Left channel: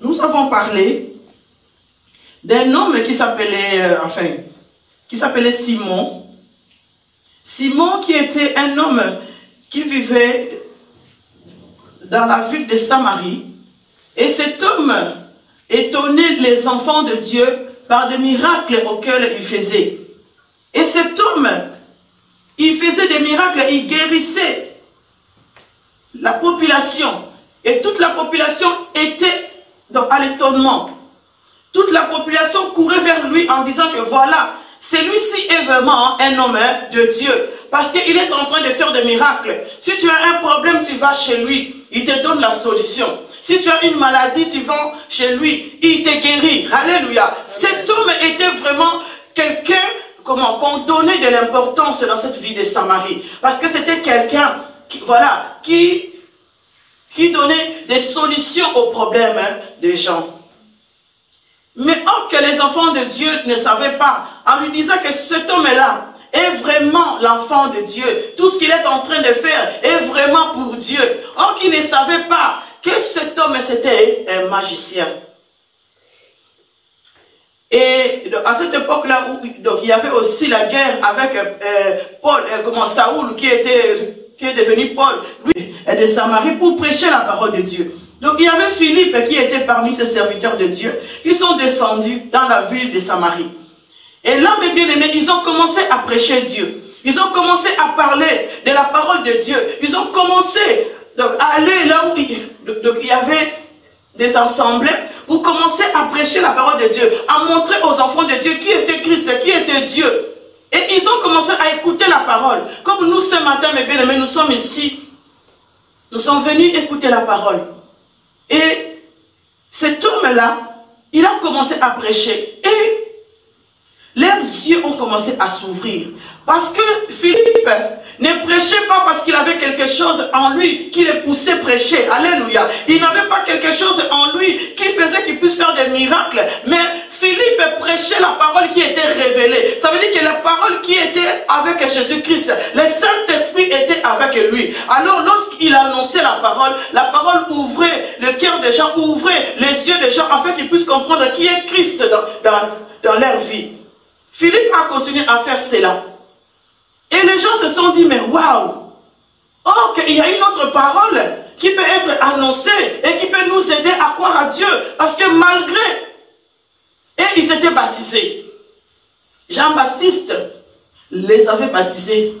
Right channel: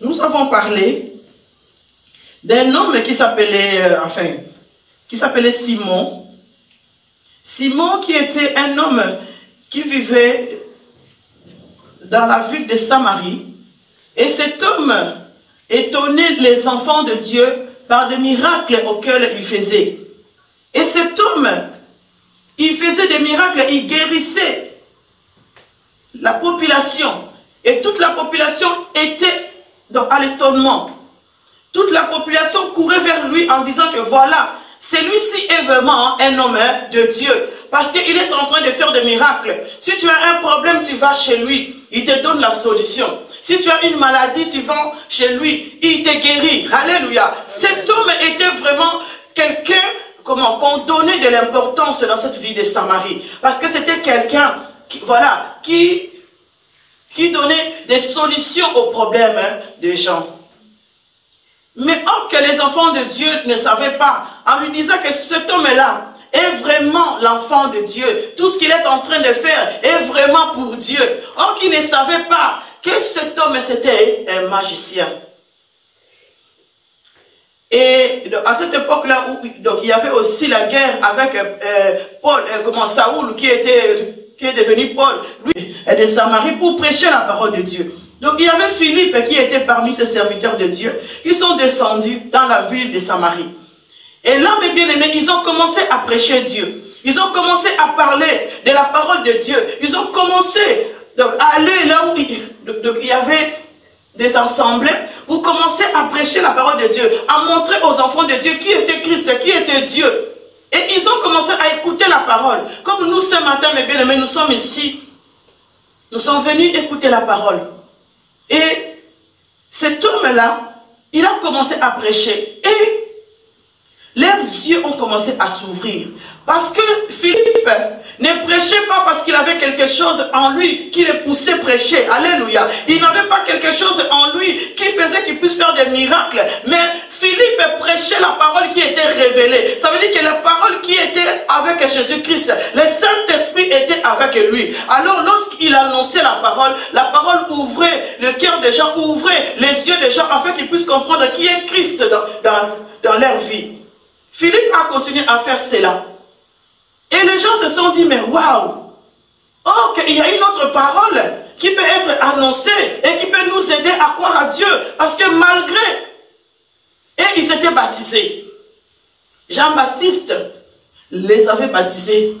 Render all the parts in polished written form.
nous avons parlé d'un homme qui s'appelait Simon. Simon qui était un homme qui vivait dans la ville de Samarie. Et cet homme étonnait les enfants de Dieu par des miracles auxquels il faisait. Et cet homme, il faisait des miracles, il guérissait la population. Et toute la population était à l'étonnement. Toute la population courait vers lui en disant que voilà, celui-ci est vraiment un homme de Dieu. Parce qu'il est en train de faire des miracles. Si tu as un problème, tu vas chez lui. Il te donne la solution. Si tu as une maladie, tu vas chez lui. Il te guérit. Alléluia. Cet homme était vraiment quelqu'un qu'on donnait de l'importance dans cette vie de Samarie. Parce que c'était quelqu'un qui donnait des solutions aux problèmes des gens. Mais or que les enfants de Dieu ne savaient pas, en lui disant que cet homme-là est vraiment l'enfant de Dieu. Tout ce qu'il est en train de faire est vraiment pour Dieu. Or qu'ils ne savaient pas que cet homme c'était un magicien. Et à cette époque-là, il y avait aussi la guerre avec Saoul, qui est devenu Paul, lui, de Samarie, pour prêcher la parole de Dieu. Donc il y avait Philippe qui était parmi ces serviteurs de Dieu, qui sont descendus dans la ville de Samarie. Et là, mes bien-aimés, ils ont commencé à prêcher Dieu. Ils ont commencé à parler de la parole de Dieu. Ils ont commencé à aller là où il y avait des assemblées, pour commencer à prêcher la parole de Dieu, à montrer aux enfants de Dieu qui était Christ, qui était Dieu. Et ils ont commencé à écouter la parole. Comme nous, ce matin, mes bien-aimés, nous sommes ici. Nous sommes venus écouter la parole. Et cet homme-là, il a commencé à prêcher. Et leurs yeux ont commencé à s'ouvrir. Parce que Philippe ne prêchait pas parce qu'il avait quelque chose en lui qui le poussait à prêcher. Alléluia. Il n'avait pas quelque chose en lui qui faisait qu'il puisse faire des miracles. Mais Philippe prêchait la parole qui était révélée. Ça veut dire que la parole qui était avec Jésus-Christ, le Saint-Esprit était avec lui. Alors lorsqu'il annonçait la parole ouvrait le cœur des gens, ouvrait les yeux des gens afin qu'ils puissent comprendre qui est Christ dans leur vie. Philippe a continué à faire cela. Et les gens se sont dit, mais waouh! Oh, qu'il y a une autre parole qui peut être annoncée et qui peut nous aider à croire à Dieu. Parce que malgré... Et ils s'étaient baptisés. Jean-Baptiste les avait baptisés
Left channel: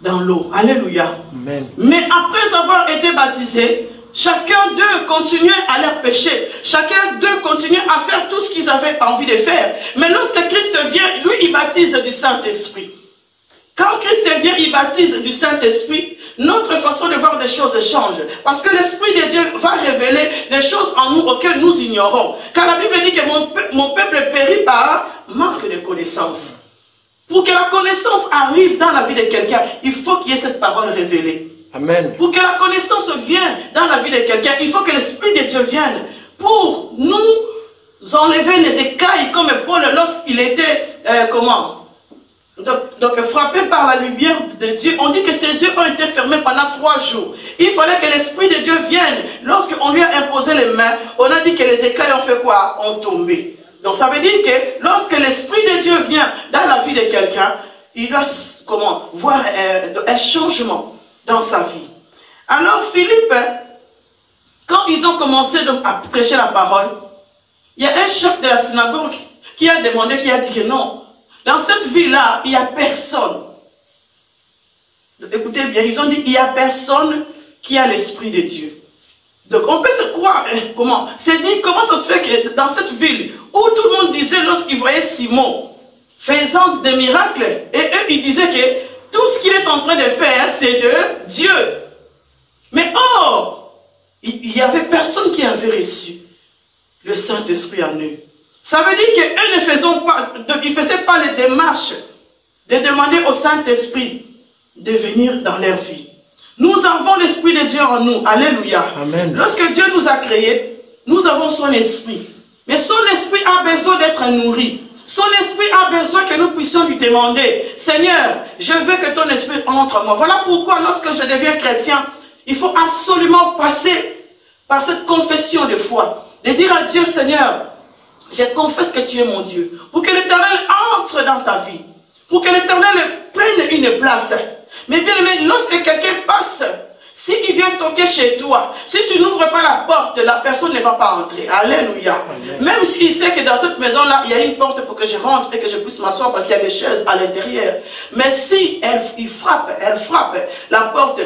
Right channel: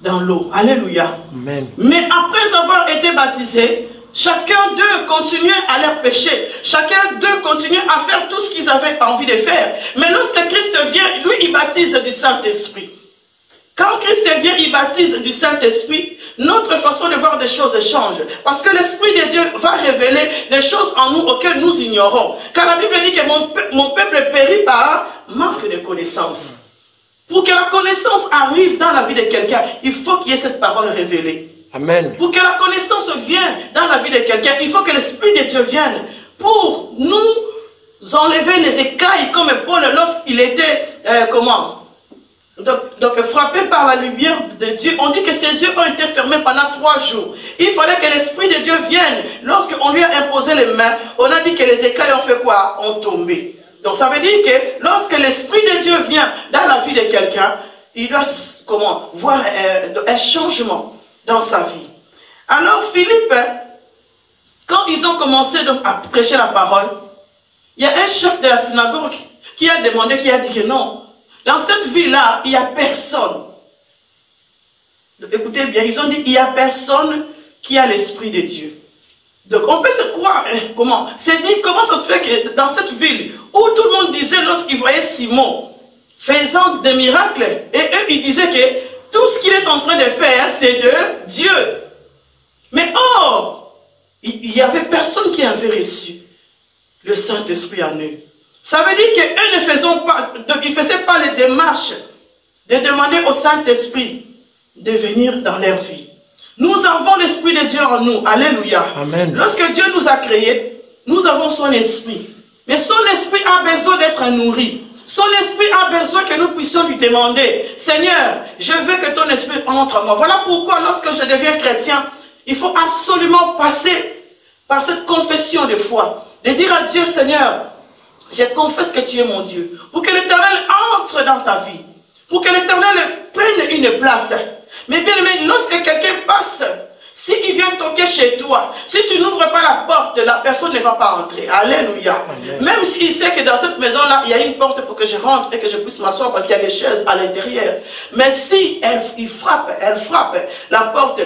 dans l'eau. Alléluia. Amen. Mais après avoir été baptisés, chacun d'eux continuait à leur péché. Chacun d'eux continuait à faire tout ce qu'ils avaient envie de faire. Mais lorsque Christ vient, lui, il baptise du Saint-Esprit. Quand Christ vient, il baptise du Saint-Esprit, notre façon de voir des choses change. Parce que l'Esprit de Dieu va révéler des choses en nous auxquelles nous ignorons. Car la Bible dit que mon peuple périt par manque de connaissance. Pour que la connaissance arrive dans la vie de quelqu'un, il faut qu'il y ait cette parole révélée. Amen. Pour que la connaissance vienne dans la vie de quelqu'un, il faut que l'Esprit de Dieu vienne pour nous enlever les écailles comme Paul lorsqu'il était, donc frappé par la lumière de Dieu. On dit que ses yeux ont été fermés pendant 3 jours. Il fallait que l'Esprit de Dieu vienne. Lorsqu'on lui a imposé les mains, on a dit que les écailles ont fait quoi? Ont tombé. Donc ça veut dire que lorsque l'Esprit de Dieu vient dans la vie de quelqu'un, il doit voir un changement dans sa vie. Alors Philippe, quand ils ont commencé donc à prêcher la parole, il y a un chef de la synagogue qui a demandé, qui a dit que non, dans cette ville-là, il n'y a personne. Donc, écoutez bien, ils ont dit, il n'y a personne qui a l'Esprit de Dieu. Donc on peut se croire, comment ça se fait que dans cette ville, où tout le monde disait lorsqu'ils voyaient Simon faisant des miracles, et eux ils disaient que tout ce qu'il est en train de faire, c'est de Dieu. Mais or, il n'y avait personne qui avait reçu le Saint-Esprit en eux. Ça veut dire qu'eux ne faisaient pas les démarches de demander au Saint-Esprit de venir dans leur vie. Nous avons l'Esprit de Dieu en nous. Alléluia. Amen. Lorsque Dieu nous a créés, nous avons son Esprit. Mais son Esprit a besoin d'être nourri. Son Esprit a besoin que nous puissions lui demander, Seigneur, je veux que ton Esprit entre en moi. Voilà pourquoi lorsque je deviens chrétien, il faut absolument passer par cette confession de foi. de dire à Dieu, Seigneur, je confesse que tu es mon Dieu, pour que l'Éternel entre dans ta vie, pour que l'Éternel prenne une place. Mais bien aimé, lorsque quelqu'un passe, s'il vient toquer chez toi, si tu n'ouvres pas la porte, la personne ne va pas entrer. Alléluia. Amen. Même s'il sait que dans cette maison-là, il y a une porte pour que je rentre et que je puisse m'asseoir parce qu'il y a des chaises à l'intérieur. Mais si elle frappe la porte,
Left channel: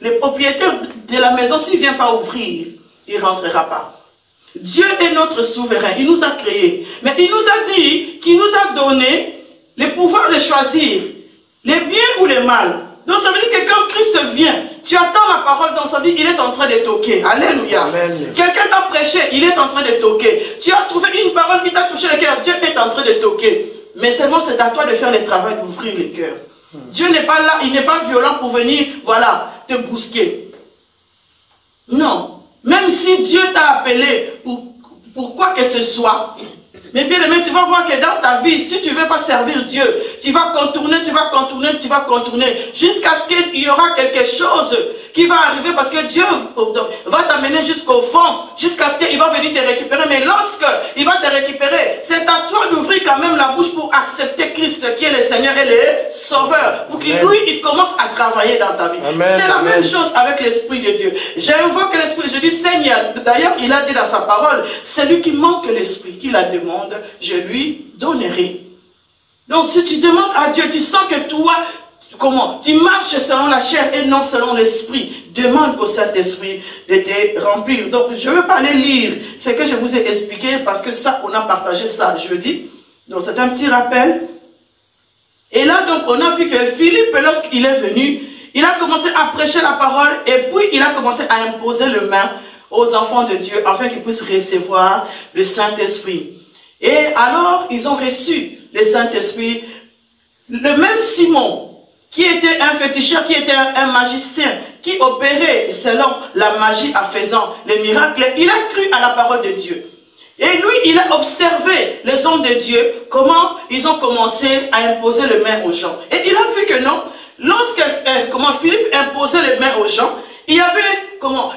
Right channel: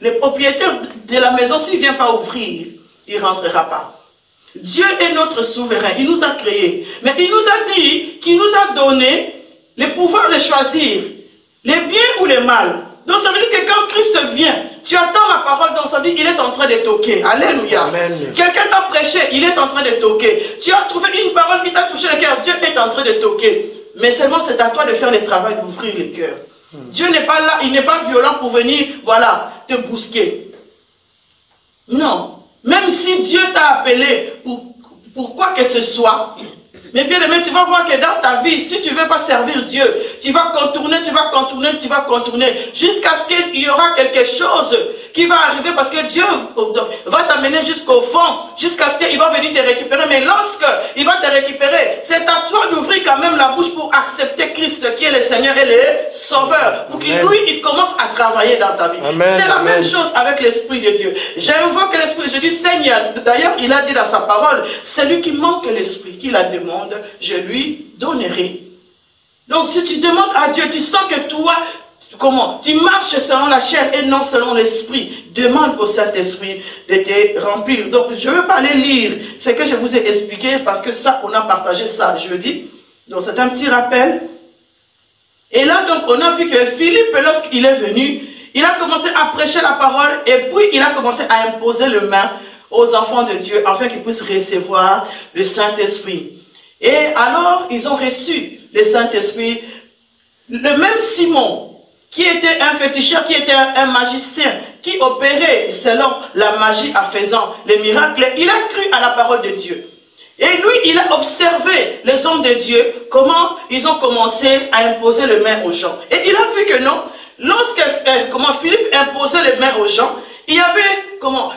le propriétaire de la maison, s'il ne vient pas ouvrir, il ne rentrera pas. Dieu est notre souverain, il nous a créés. Mais il nous a dit qu'il nous a donné le pouvoir de choisir les biens ou les mal. Donc ça veut dire que quand Christ vient, tu attends la parole, donc ça veut dire qu'il est en train de toquer. Alléluia. Quelqu'un t'a prêché, il est en train de toquer. Tu as trouvé une parole qui t'a touché le cœur, Dieu est en train de toquer. Mais seulement c'est à toi de faire le travail d'ouvrir le cœur. Dieu n'est pas là, il n'est pas violent pour venir, voilà, te bousquer. Non. Même si Dieu t'a appelé pour quoi que ce soit, mais bien aimé, tu vas voir que dans ta vie, si tu ne veux pas servir Dieu, tu vas contourner, jusqu'à ce qu'il y aura quelque chose qui va arriver parce que Dieu va t'amener jusqu'au fond, jusqu'à ce qu'il va venir te récupérer. Mais lorsqu'il va te récupérer, c'est à toi d'ouvrir quand même la bouche pour accepter Christ qui est le Seigneur et le Sauveur, pour qu'il lui, il commence à travailler dans ta vie. C'est la même chose avec l'Esprit de Dieu. J'invoque l'Esprit, je dis Seigneur, d'ailleurs il a dit dans sa parole, celui qui manque l'Esprit, qui la demande, je lui donnerai. Donc si tu demandes à Dieu, tu sens que toi, comment? Tu marches selon la chair et non selon l'esprit. Demande au Saint-Esprit de te remplir. Donc je ne veux pas aller lire ce que je vous ai expliqué parce que ça, on a partagé ça jeudi. Donc c'est un petit rappel. Et là, donc, on a vu que Philippe, lorsqu'il est venu, il a commencé à prêcher la parole et puis il a commencé à imposer le main aux enfants de Dieu afin qu'ils puissent recevoir le Saint-Esprit. Et alors, ils ont reçu le Saint-Esprit. Le même Simon, qui était un féticheur, qui était un magicien, qui opérait selon la magie en faisant les miracles, il a cru à la parole de Dieu. Et lui, il a observé les hommes de Dieu, comment ils ont commencé à imposer les mains aux gens. Et il a vu que non, lorsque Philippe imposait les mains aux gens, il y avait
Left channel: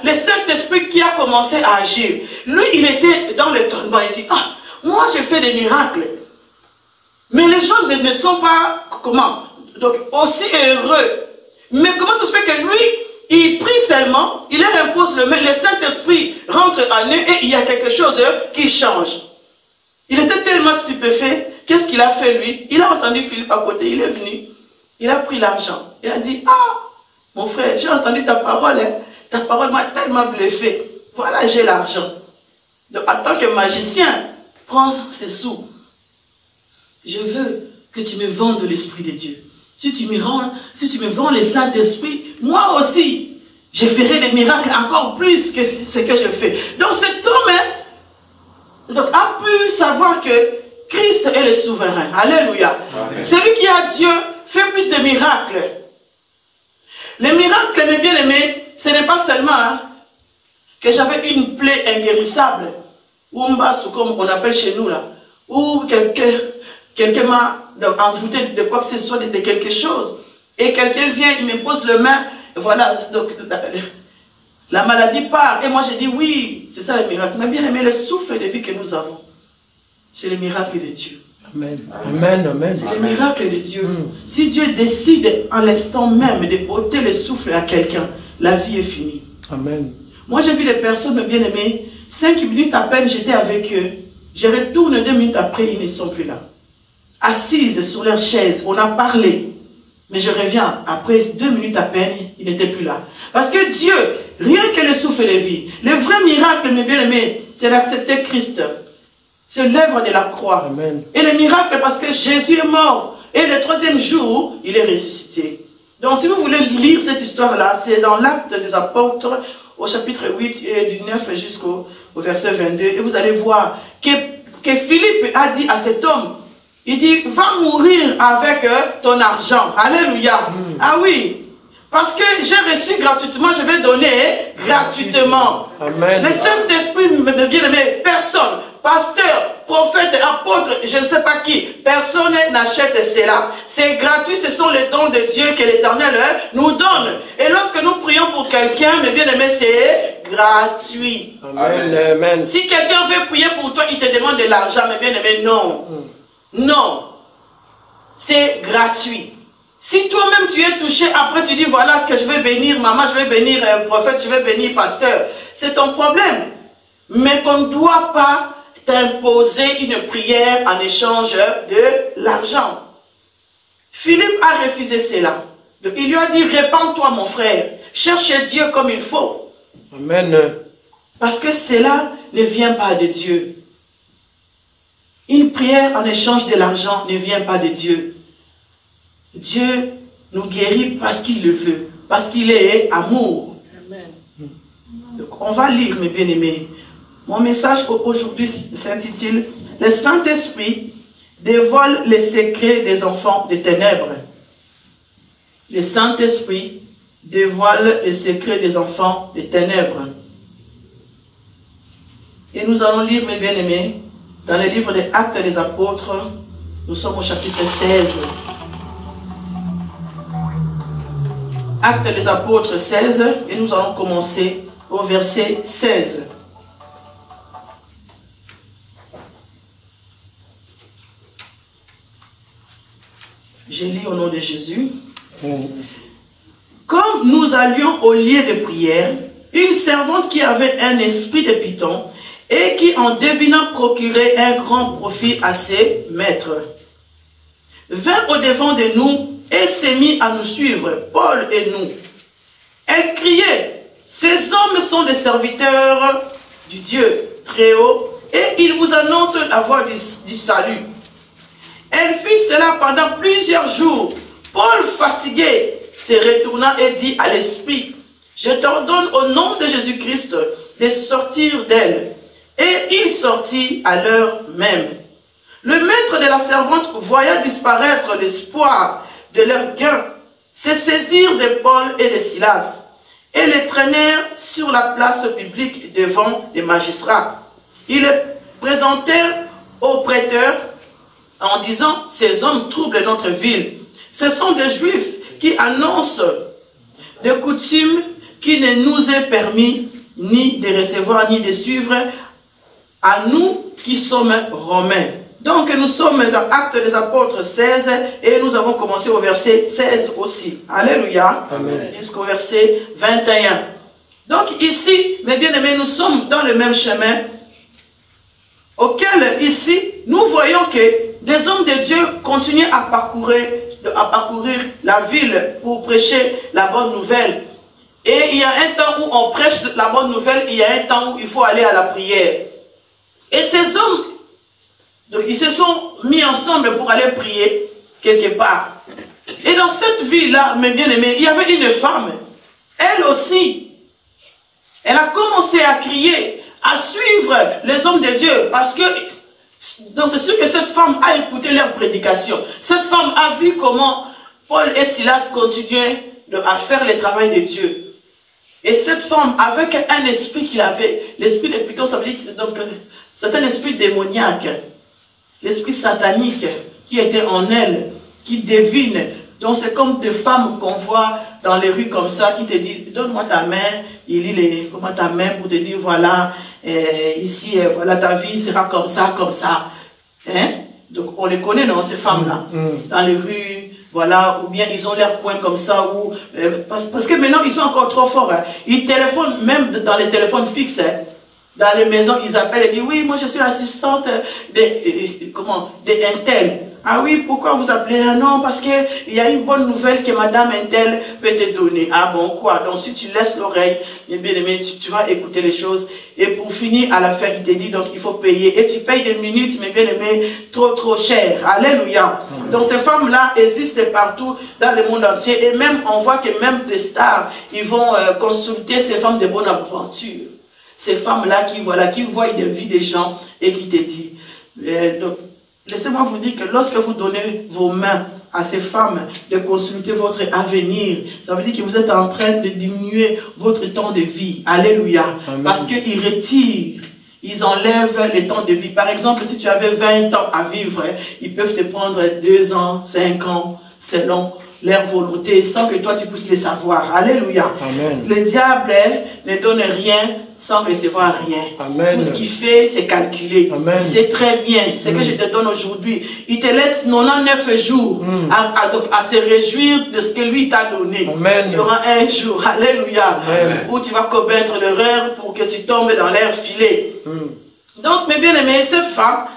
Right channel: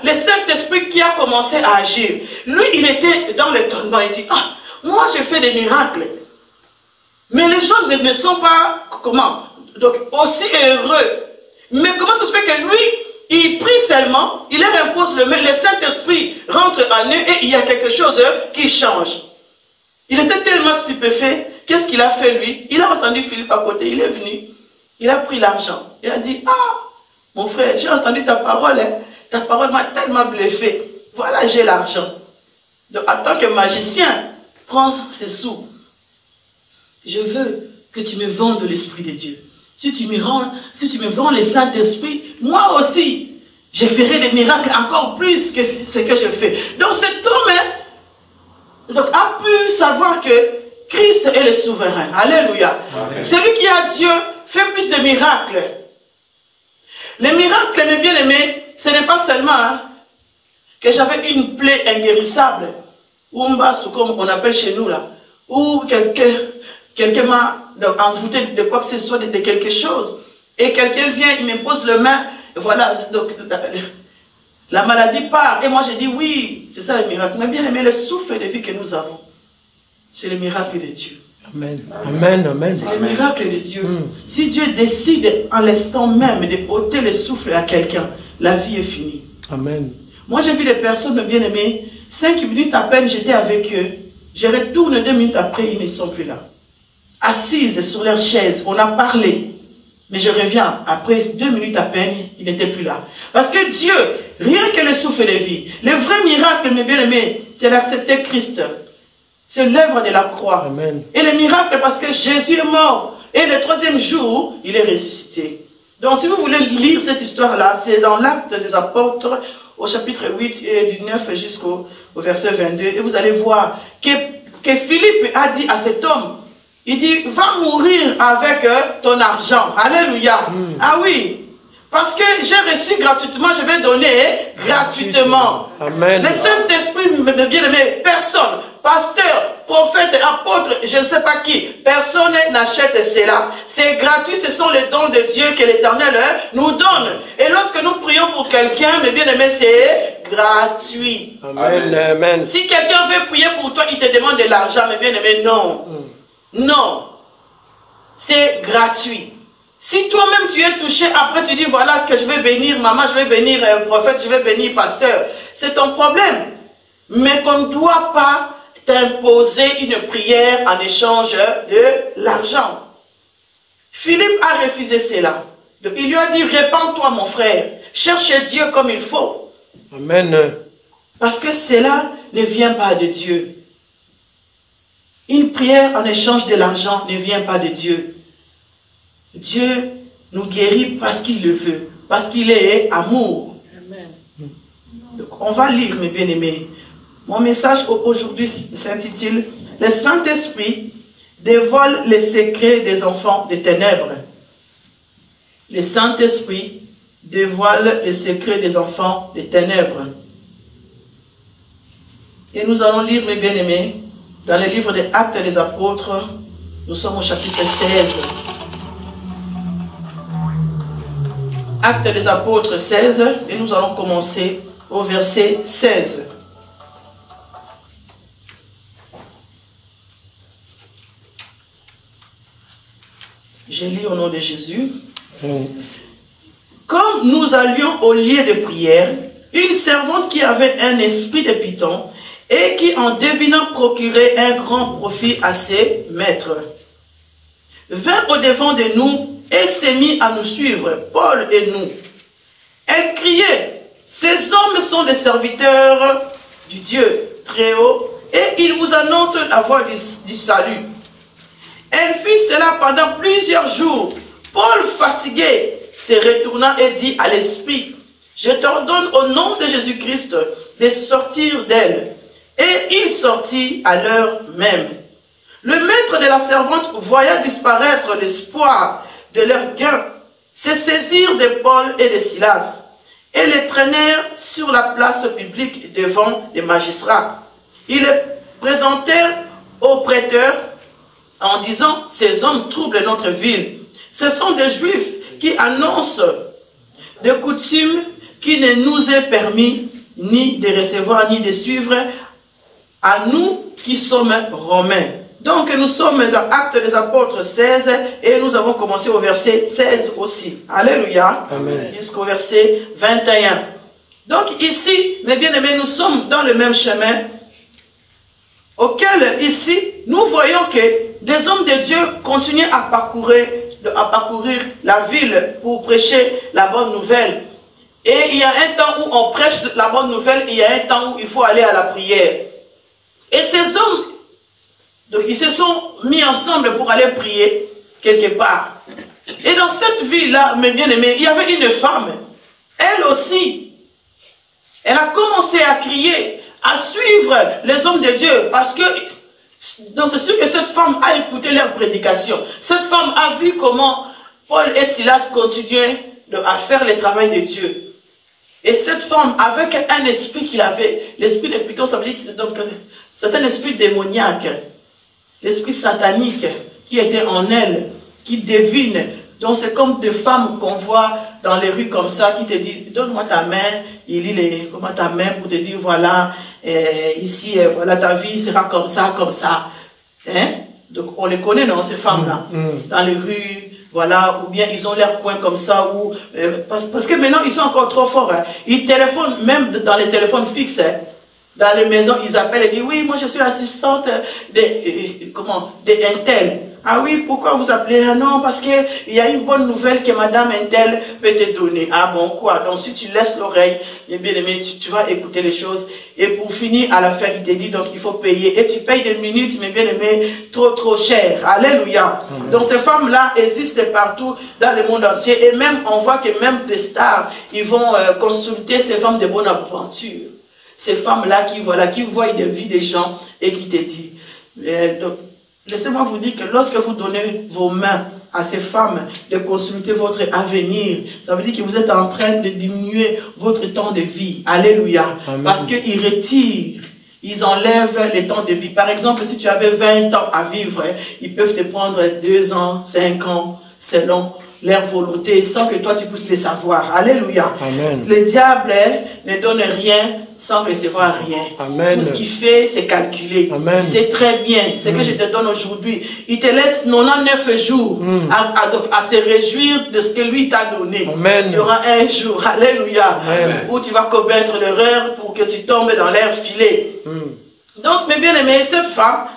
le Saint-Esprit qui a commencé à agir. Lui, il était dans le tourment, il dit, ah, moi j'ai fait des miracles. Mais les gens ne sont pas, donc aussi heureux. Mais comment ça se fait que lui, il prie seulement, il leur impose le Saint-Esprit rentre en eux et il y a quelque chose qui change. Il était tellement stupéfait, qu'est-ce qu'il a fait lui? Il a entendu Philippe à côté, il est venu, il a pris l'argent. Il a dit, ah, mon frère, j'ai entendu ta parole m'a tellement bluffé. Voilà, j'ai l'argent. Donc en tant que magicien, prends ces sous. Je veux que tu me vendes l'Esprit de Dieu. Si tu me vends le Saint-Esprit, moi aussi, je ferai des miracles encore plus que ce que je fais. Donc cet homme a pu savoir que Christ est le souverain. Alléluia. Amen. Celui qui a Dieu fait plus de miracles. Les miracles, mes bien-aimés, ce n'est pas seulement que j'avais une plaie inguérissable, ou comme on appelle chez nous là, ou quelqu'un m'a envoûté de quoi que ce soit, de quelque chose, et quelqu'un vient, il me pose le main, voilà, donc la maladie part, et moi je dis oui, c'est ça le miracle. Mais bien aimé, le souffle de vie que nous avons, c'est le miracle de Dieu. Amen, amen, amen. C'est le miracle de Dieu. Si Dieu décide en l'instant même de ôter le souffle à quelqu'un, la vie est finie. Amen. Moi j'ai vu des personnes bien aimées, 5 minutes à peine j'étais avec eux, je retourne 2 minutes après, ils ne sont plus là. Assises sur leur chaise, on a parlé. Mais je reviens, après 2 minutes à peine, ils n'étaient plus là. Parce que Dieu, rien que le souffle de vie, le vrai miracle, mes bien-aimés, c'est d'accepter Christ. C'est l'œuvre de la croix. Amen. Et le miracle, parce que Jésus est mort. Et le 3e jour, il est ressuscité. Donc si vous voulez lire cette histoire-là, c'est dans l'Acte des Apôtres, au chapitre 8, et du 9 jusqu'au verset 22. Et vous allez voir que Philippe a dit à cet homme, il dit, va mourir avec ton argent. Alléluia. Ah oui. Parce que j'ai reçu gratuitement, je vais donner gratuitement. Amen. Le Saint-Esprit, bien aimé, personne, pasteur, prophète, apôtre, je ne sais pas qui, personne n'achète cela. C'est gratuit, ce sont les dons de Dieu que l'Éternel nous donne. Et lorsque nous prions pour quelqu'un, mais bien aimé, c'est gratuit. Amen. Amen. Si quelqu'un veut prier pour toi, il te demande de l'argent, mais bien aimé, non. Non. C'est gratuit. Si toi-même tu es touché, après tu dis voilà que je vais bénir maman, je vais bénir prophète, je vais bénir pasteur, c'est ton problème. Mais qu'on ne doit pas t'imposer une prière en échange de l'argent. Philippe a refusé cela. Donc, il lui a dit, répands-toi mon frère, cherche Dieu comme il faut. Amen. Parce que cela ne vient pas de Dieu. Une prière en échange de l'argent ne vient pas de Dieu. Dieu nous guérit parce qu'il le veut, parce qu'il est amour. Amen. Donc, on va lire, mes bien-aimés. Mon message aujourd'hui s'intitule « Le Saint-Esprit dévoile les secrets des enfants des ténèbres ». Le Saint-Esprit dévoile les secrets des enfants des ténèbres. Et nous allons lire, mes bien-aimés, dans le livre des Actes des Apôtres, nous sommes au chapitre 16. Actes des Apôtres 16, et nous allons commencer au verset 16. Je lis au nom de Jésus. Comme nous allions au lieu de prière, une servante qui avait un esprit de python et qui en devinant procurait un grand profit à ses maîtres, vint au-devant de nous et s'est mis à nous suivre, Paul et nous. Elle criait, ces hommes sont des serviteurs du Dieu très haut et ils vous annoncent la voie du salut. Elle fit cela pendant plusieurs jours. Paul, fatigué, se retourna et dit à l'esprit, je t'ordonne au nom de Jésus-Christ de sortir d'elle. Et il sortit à l'heure même. Le maître de la servante voyant disparaître l'espoir de leur gain, se saisirent de Paul et de Silas et les traînèrent sur la place publique devant les magistrats. Ils les présentèrent aux prêteurs en disant, ces hommes troublent notre ville. Ce sont des Juifs qui annoncent des coutumes qui ne nous est permis ni de recevoir ni de suivre à nous qui sommes Romains. Donc nous sommes dans Actes des Apôtres 16 et nous avons commencé au verset 16 aussi. Alléluia. Jusqu'au verset 21. Donc ici, mes bien-aimés, nous sommes dans le même chemin auquel ici, nous voyons que des hommes de Dieu continuent à parcourir la ville pour prêcher la bonne nouvelle. Et il y a un temps où on prêche la bonne nouvelle, il y a un temps où il faut aller à la prière. Et ces hommes, donc ils se sont mis ensemble pour aller prier quelque part. Et dans cette ville-là, mes bien-aimés, il y avait une femme. Elle aussi, elle a commencé à crier, à suivre les hommes de Dieu. Parce que, donc c'est sûr que cette femme a écouté leur prédication. Cette femme a vu comment Paul et Silas continuaient à faire le travail de Dieu. Et cette femme, avec un esprit qu'il avait, l'esprit de Python, ça veut dire que c'est un esprit démoniaque, l'esprit satanique qui était en elle, qui devine. Donc c'est comme des femmes qu'on voit dans les rues comme ça, qui te disent, donne-moi ta main, il lit comment ta main pour te dire, voilà, ici, voilà, ta vie sera comme ça, comme ça. Hein? Donc on les connaît, non, ces femmes-là, dans les rues. Voilà, ou bien ils ont l'air point comme ça, ou, parce que maintenant ils sont encore trop forts. Hein. Ils téléphonent, même dans les téléphones fixes, hein. Dans les maisons, ils appellent et disent, oui, moi je suis l'assistante de Intel. Ah oui, pourquoi vous appelez? Ah non, parce qu'il y a une bonne nouvelle que Madame Intel peut te donner. Ah bon, quoi? Donc si tu laisses l'oreille, bien aimé, tu vas écouter les choses. Et pour finir, à la fin, il te dit, donc il faut payer. Et tu payes des minutes, mes bien-aimés, trop cher. Alléluia. Donc ces femmes-là existent partout dans le monde entier. Et même, on voit que même des stars, ils vont consulter ces femmes de bonne aventure. Ces femmes-là qui voient des vies des gens et qui te disent. Donc, laissez-moi vous dire que lorsque vous donnez vos mains à ces femmes de consulter votre avenir, ça veut dire que vous êtes en train de diminuer votre temps de vie. Alléluia. Amen. Parce qu'ils retirent, ils enlèvent les temps de vie. Par exemple, si tu avais 20 ans à vivre, ils peuvent te prendre 2 ans, 5 ans, selon leur volonté sans que toi tu puisses les savoir. Alléluia. Amen. Le diable ne donne rien sans recevoir rien. Amen. Tout ce qu'il fait, c'est calculé. Amen. C'est très bien. Ce que je te donne aujourd'hui. Il te laisse 99 jours à se réjouir de ce que lui t'a donné. Amen. Il y aura un jour, alléluia, Amen. où tu vas commettre l'erreur pour que tu tombes dans leur filet. Donc, mes bien-aimés, cette femme,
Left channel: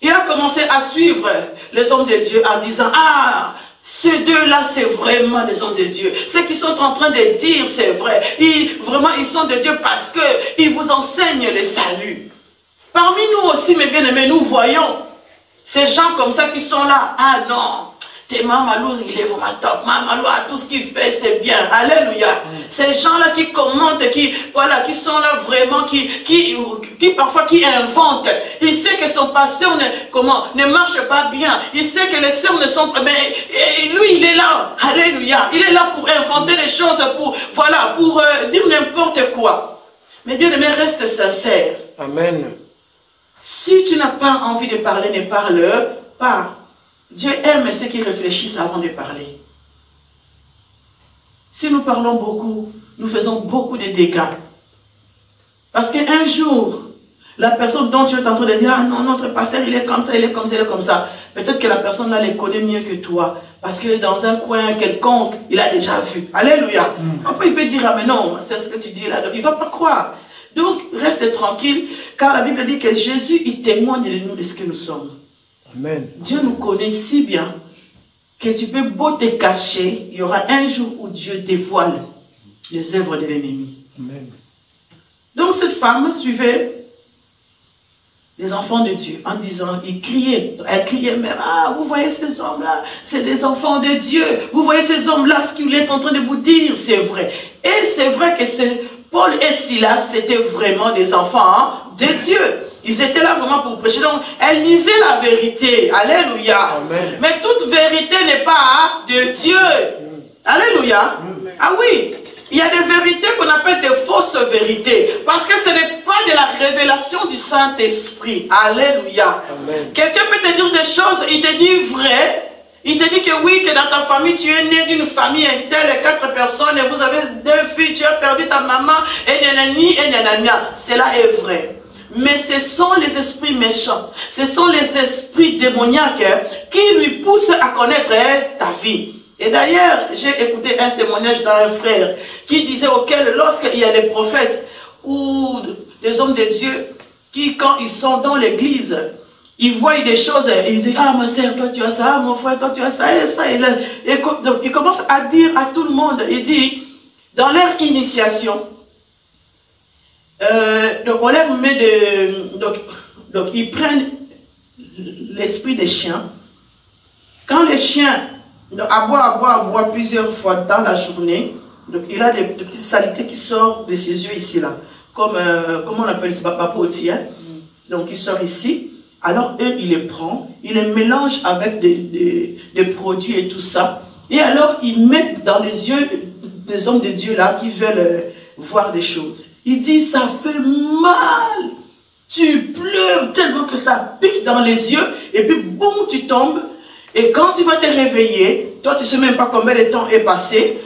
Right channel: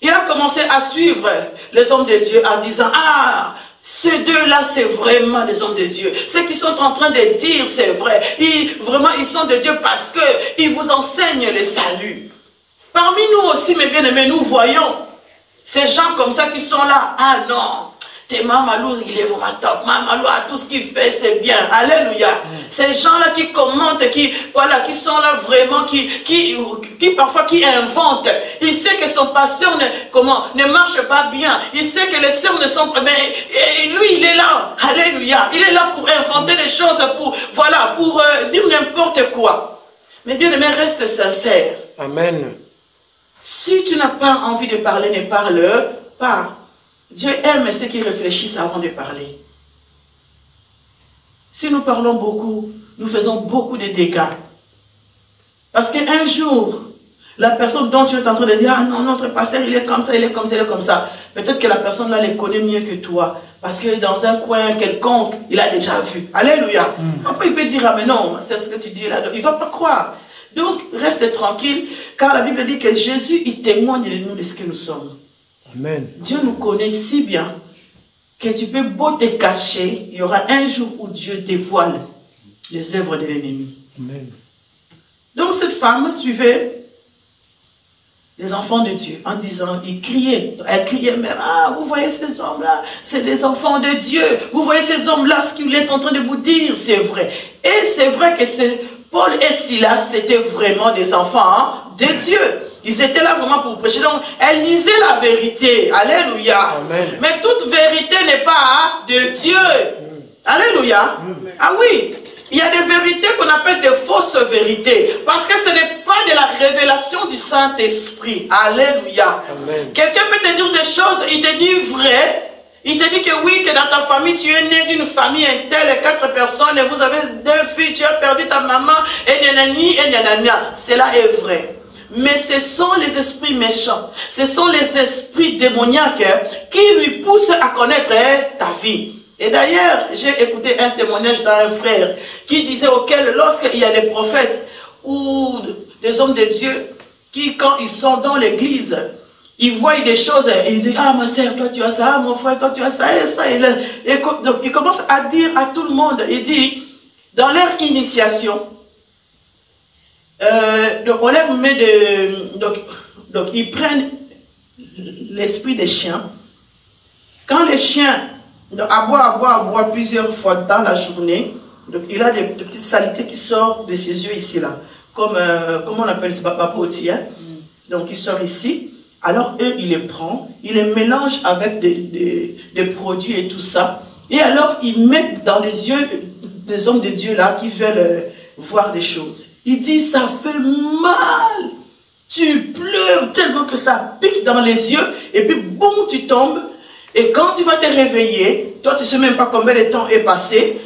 il a commencé à suivre les hommes de Dieu en disant, ah, ces deux-là, c'est vraiment des hommes de Dieu. Ce qu'ils sont en train de dire, c'est vrai. Vraiment, ils sont de Dieu parce qu'ils vous enseignent le salut. Parmi nous aussi, mes bien-aimés, nous voyons ces gens comme ça qui sont là. Ah non, t'es Mamalou, il est vraiment top. Mamalou, tout ce qu'il fait, c'est bien. Alléluia. Ces gens-là qui commentent, qui sont là vraiment, qui parfois qui inventent. Il sait que son pasteur ne marche pas bien. Il sait que les sœurs ne sont pas bien. Et lui, il est là. Alléluia. Il est là pour inventer des choses, pour dire n'importe quoi. Mais bien aimé, reste sincère. Amen. Si tu n'as pas envie de parler, ne parle pas. Dieu aime ceux qui réfléchissent avant de parler. Si nous parlons beaucoup, nous faisons beaucoup de dégâts. Parce qu'un jour, la personne dont tu es en train de dire, ah non, notre pasteur, il est comme ça, il est comme ça, il est comme ça. Peut-être que la personne là les connaît mieux que toi. Parce que dans un coin quelconque, il a déjà vu. Alléluia. Après, il peut dire, ah mais non, c'est ce que tu dis là. Il ne va pas croire. Donc, reste tranquille, car la Bible dit que Jésus, il témoigne de nous de ce que nous sommes. Amen. Dieu nous connaît si bien que tu peux beau te cacher, il y aura un jour où Dieu dévoile les œuvres de l'ennemi. Amen. Donc cette femme suivait les enfants de Dieu en disant, elle criait même, ah vous voyez ces hommes-là, c'est des enfants de Dieu, vous voyez ces hommes-là, ce qu'il est en train de vous dire, c'est vrai. Et c'est vrai que Paul et Silas, c'était vraiment des enfants de Dieu. Ils étaient là vraiment pour prêcher. Donc, elle disait la vérité. Alléluia. Amen. Mais toute vérité n'est pas de Dieu. Alléluia. Ah oui. Il y a des vérités qu'on appelle des fausses vérités. Parce que ce n'est pas de la révélation du Saint-Esprit. Alléluia. Quelqu'un peut te dire des choses, il te dit vrai. Il te dit que oui, que dans ta famille, tu es né d'une famille telle, 4 personnes, et vous avez 2 filles, tu as perdu ta maman, et nanani, et nanana. Cela est vrai. Mais ce sont les esprits méchants, ce sont les esprits démoniaques qui lui poussent à connaître ta vie. Et d'ailleurs, j'ai écouté un témoignage d'un frère qui disait auquel, lorsqu'il y a des prophètes ou des hommes de Dieu qui, quand ils sont dans l'église, ils voient des choses et ils disent, ah ma soeur, toi tu as ça, ah, mon frère, toi tu as ça, et ça. Et donc, ils commencent à dire à tout le monde, il dit, dans leur initiation, donc on leur met donc ils prennent l'esprit des chiens. Quand les chiens aboient plusieurs fois dans la journée, donc il a des petites saletés qui sortent de ses yeux ici là, comme on appelle ça, papoti, hein? Donc il sort ici. Alors eux, ils les prennent, ils les mélangent avec des produits et tout ça. Et alors ils mettent dans les yeux des hommes de Dieu là qui veulent voir des choses. Il dit, ça fait mal. Tu pleures tellement que ça pique dans les yeux. Et puis, boum, tu tombes. Et quand tu vas te réveiller, toi, tu ne sais même pas combien de temps est passé.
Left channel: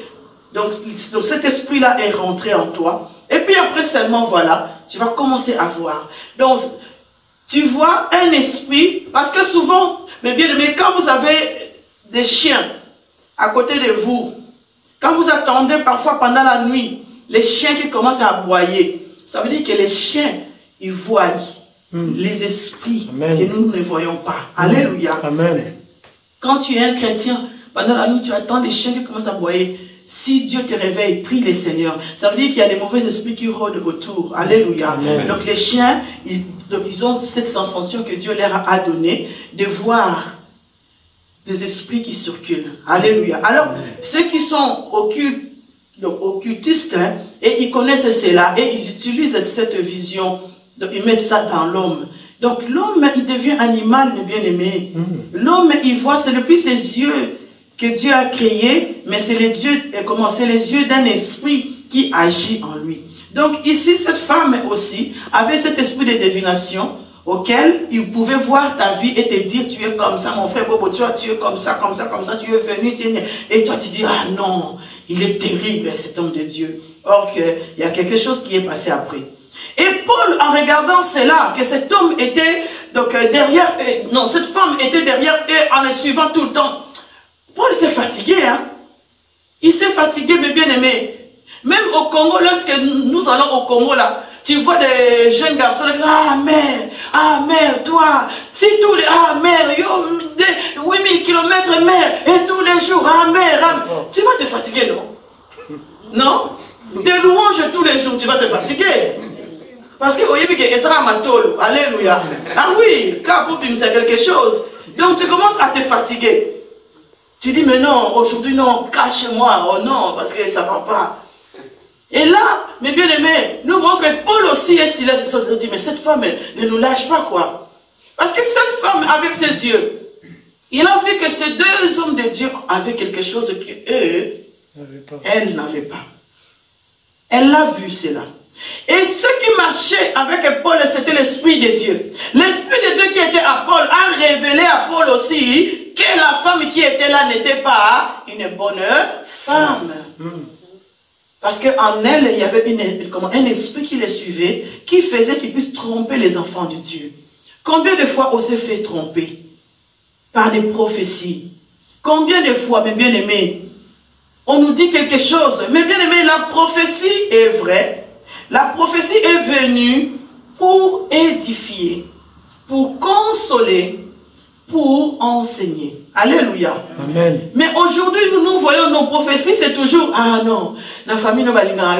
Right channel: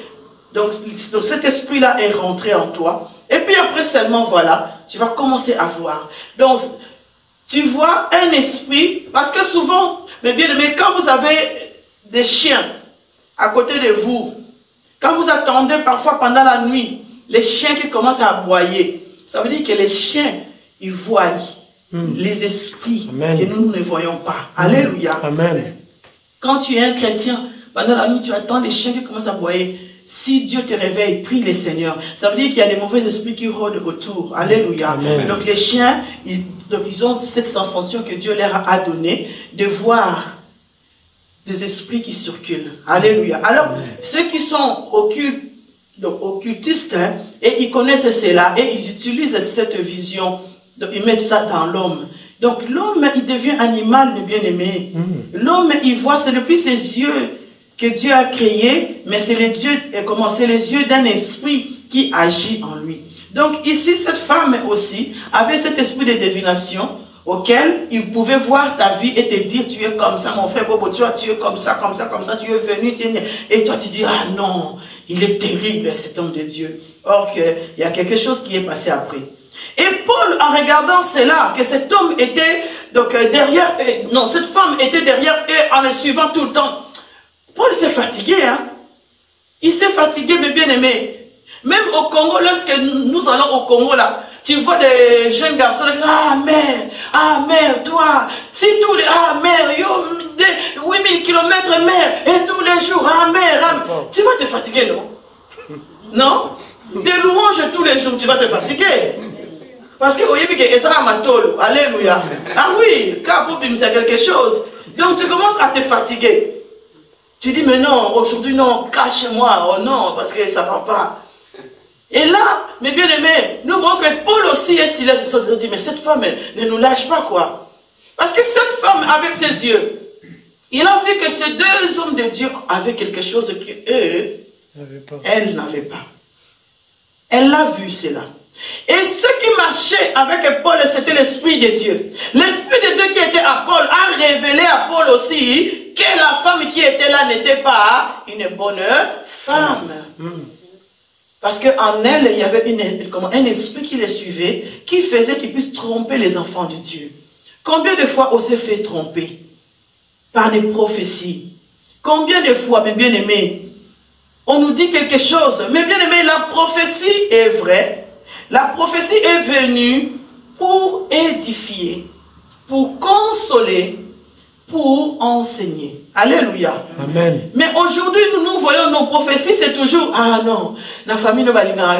Donc cet esprit-là est rentré en toi. Et puis après seulement, voilà, tu vas commencer à voir. Donc, tu vois un esprit. Parce que souvent, mais quand vous avez des chiens à côté de vous, quand vous attendez parfois pendant la nuit, les chiens qui commencent à aboyer, ça veut dire que les chiens, ils voient les esprits que nous ne voyons pas. Alléluia. Amen. Quand tu es un chrétien, pendant la nuit, tu attends les chiens qui commencent à aboyer. Si Dieu te réveille, prie le Seigneur. Ça veut dire qu'il y a des mauvais esprits qui rôdent autour. Alléluia. Amen. Donc les chiens, ils ont cette sensation que Dieu leur a donnée de voir des esprits qui circulent. Alléluia. Alors, ceux qui sont occultistes, hein, et ils connaissent cela, et ils utilisent cette vision, donc ils mettent ça dans l'homme. Donc l'homme, il devient animal, de bien-aimé. L'homme, il voit, c'est depuis ses yeux que Dieu a créé, mais c'est les yeux d'un esprit qui agit en lui. Donc ici, cette femme aussi avait cet esprit de divination, auquel il pouvait voir ta vie et te dire, tu es comme ça, mon frère Bobo, tu es comme ça, comme ça, comme ça, tu es venu, et toi tu dis, ah non, il est terrible cet homme de Dieu. Or il y a quelque chose qui est passé après. Et Paul, en regardant cela, que cet homme était donc derrière, non, cette femme était derrière et en le suivant tout le temps. Paul s'est fatigué, hein. Il s'est fatigué, mais bien aimé. Même au Congo, lorsque nous allons au Congo, là, tu vois des jeunes garçons, ah mère, toi, si tous les, ah mère, yo, 8000 km mère, et tous les jours, ah mère, tu vas te fatiguer, non? Non? Des louanges tous les jours, tu vas te fatiguer. Parce que, alléluia. Ah oui, quand c'est quelque chose. Donc tu commences à te fatiguer. Tu dis, mais non, aujourd'hui, non, cache-moi, oh non, parce que ça ne va pas. Et là, mes bien-aimés, nous voyons que Paul aussi est silencieux. Il se dit, mais cette femme, ne nous lâche pas, quoi. Parce que cette femme, avec ses yeux, il a vu que ces deux hommes de Dieu avaient quelque chose qu'eux, elle n'avait pas. Elle a vu cela. Et ce qui marchait avec Paul, c'était l'Esprit de Dieu. L'Esprit de Dieu qui était à Paul a révélé à Paul aussi que la femme qui était là n'était pas une bonne femme. Parce qu'en elle, il y avait un esprit qui les suivait, qui faisait qu'ils puissent tromper les enfants de Dieu. Combien de fois on s'est fait tromper par des prophéties? Combien de fois, mes bien-aimés, on nous dit quelque chose? Mes bien-aimés, la prophétie est vraie. La prophétie est venue pour édifier, pour consoler, pour enseigner. Alléluia. Amen. Mais aujourd'hui, nous voyons nos prophéties, c'est toujours, ah non, la famille ne va pas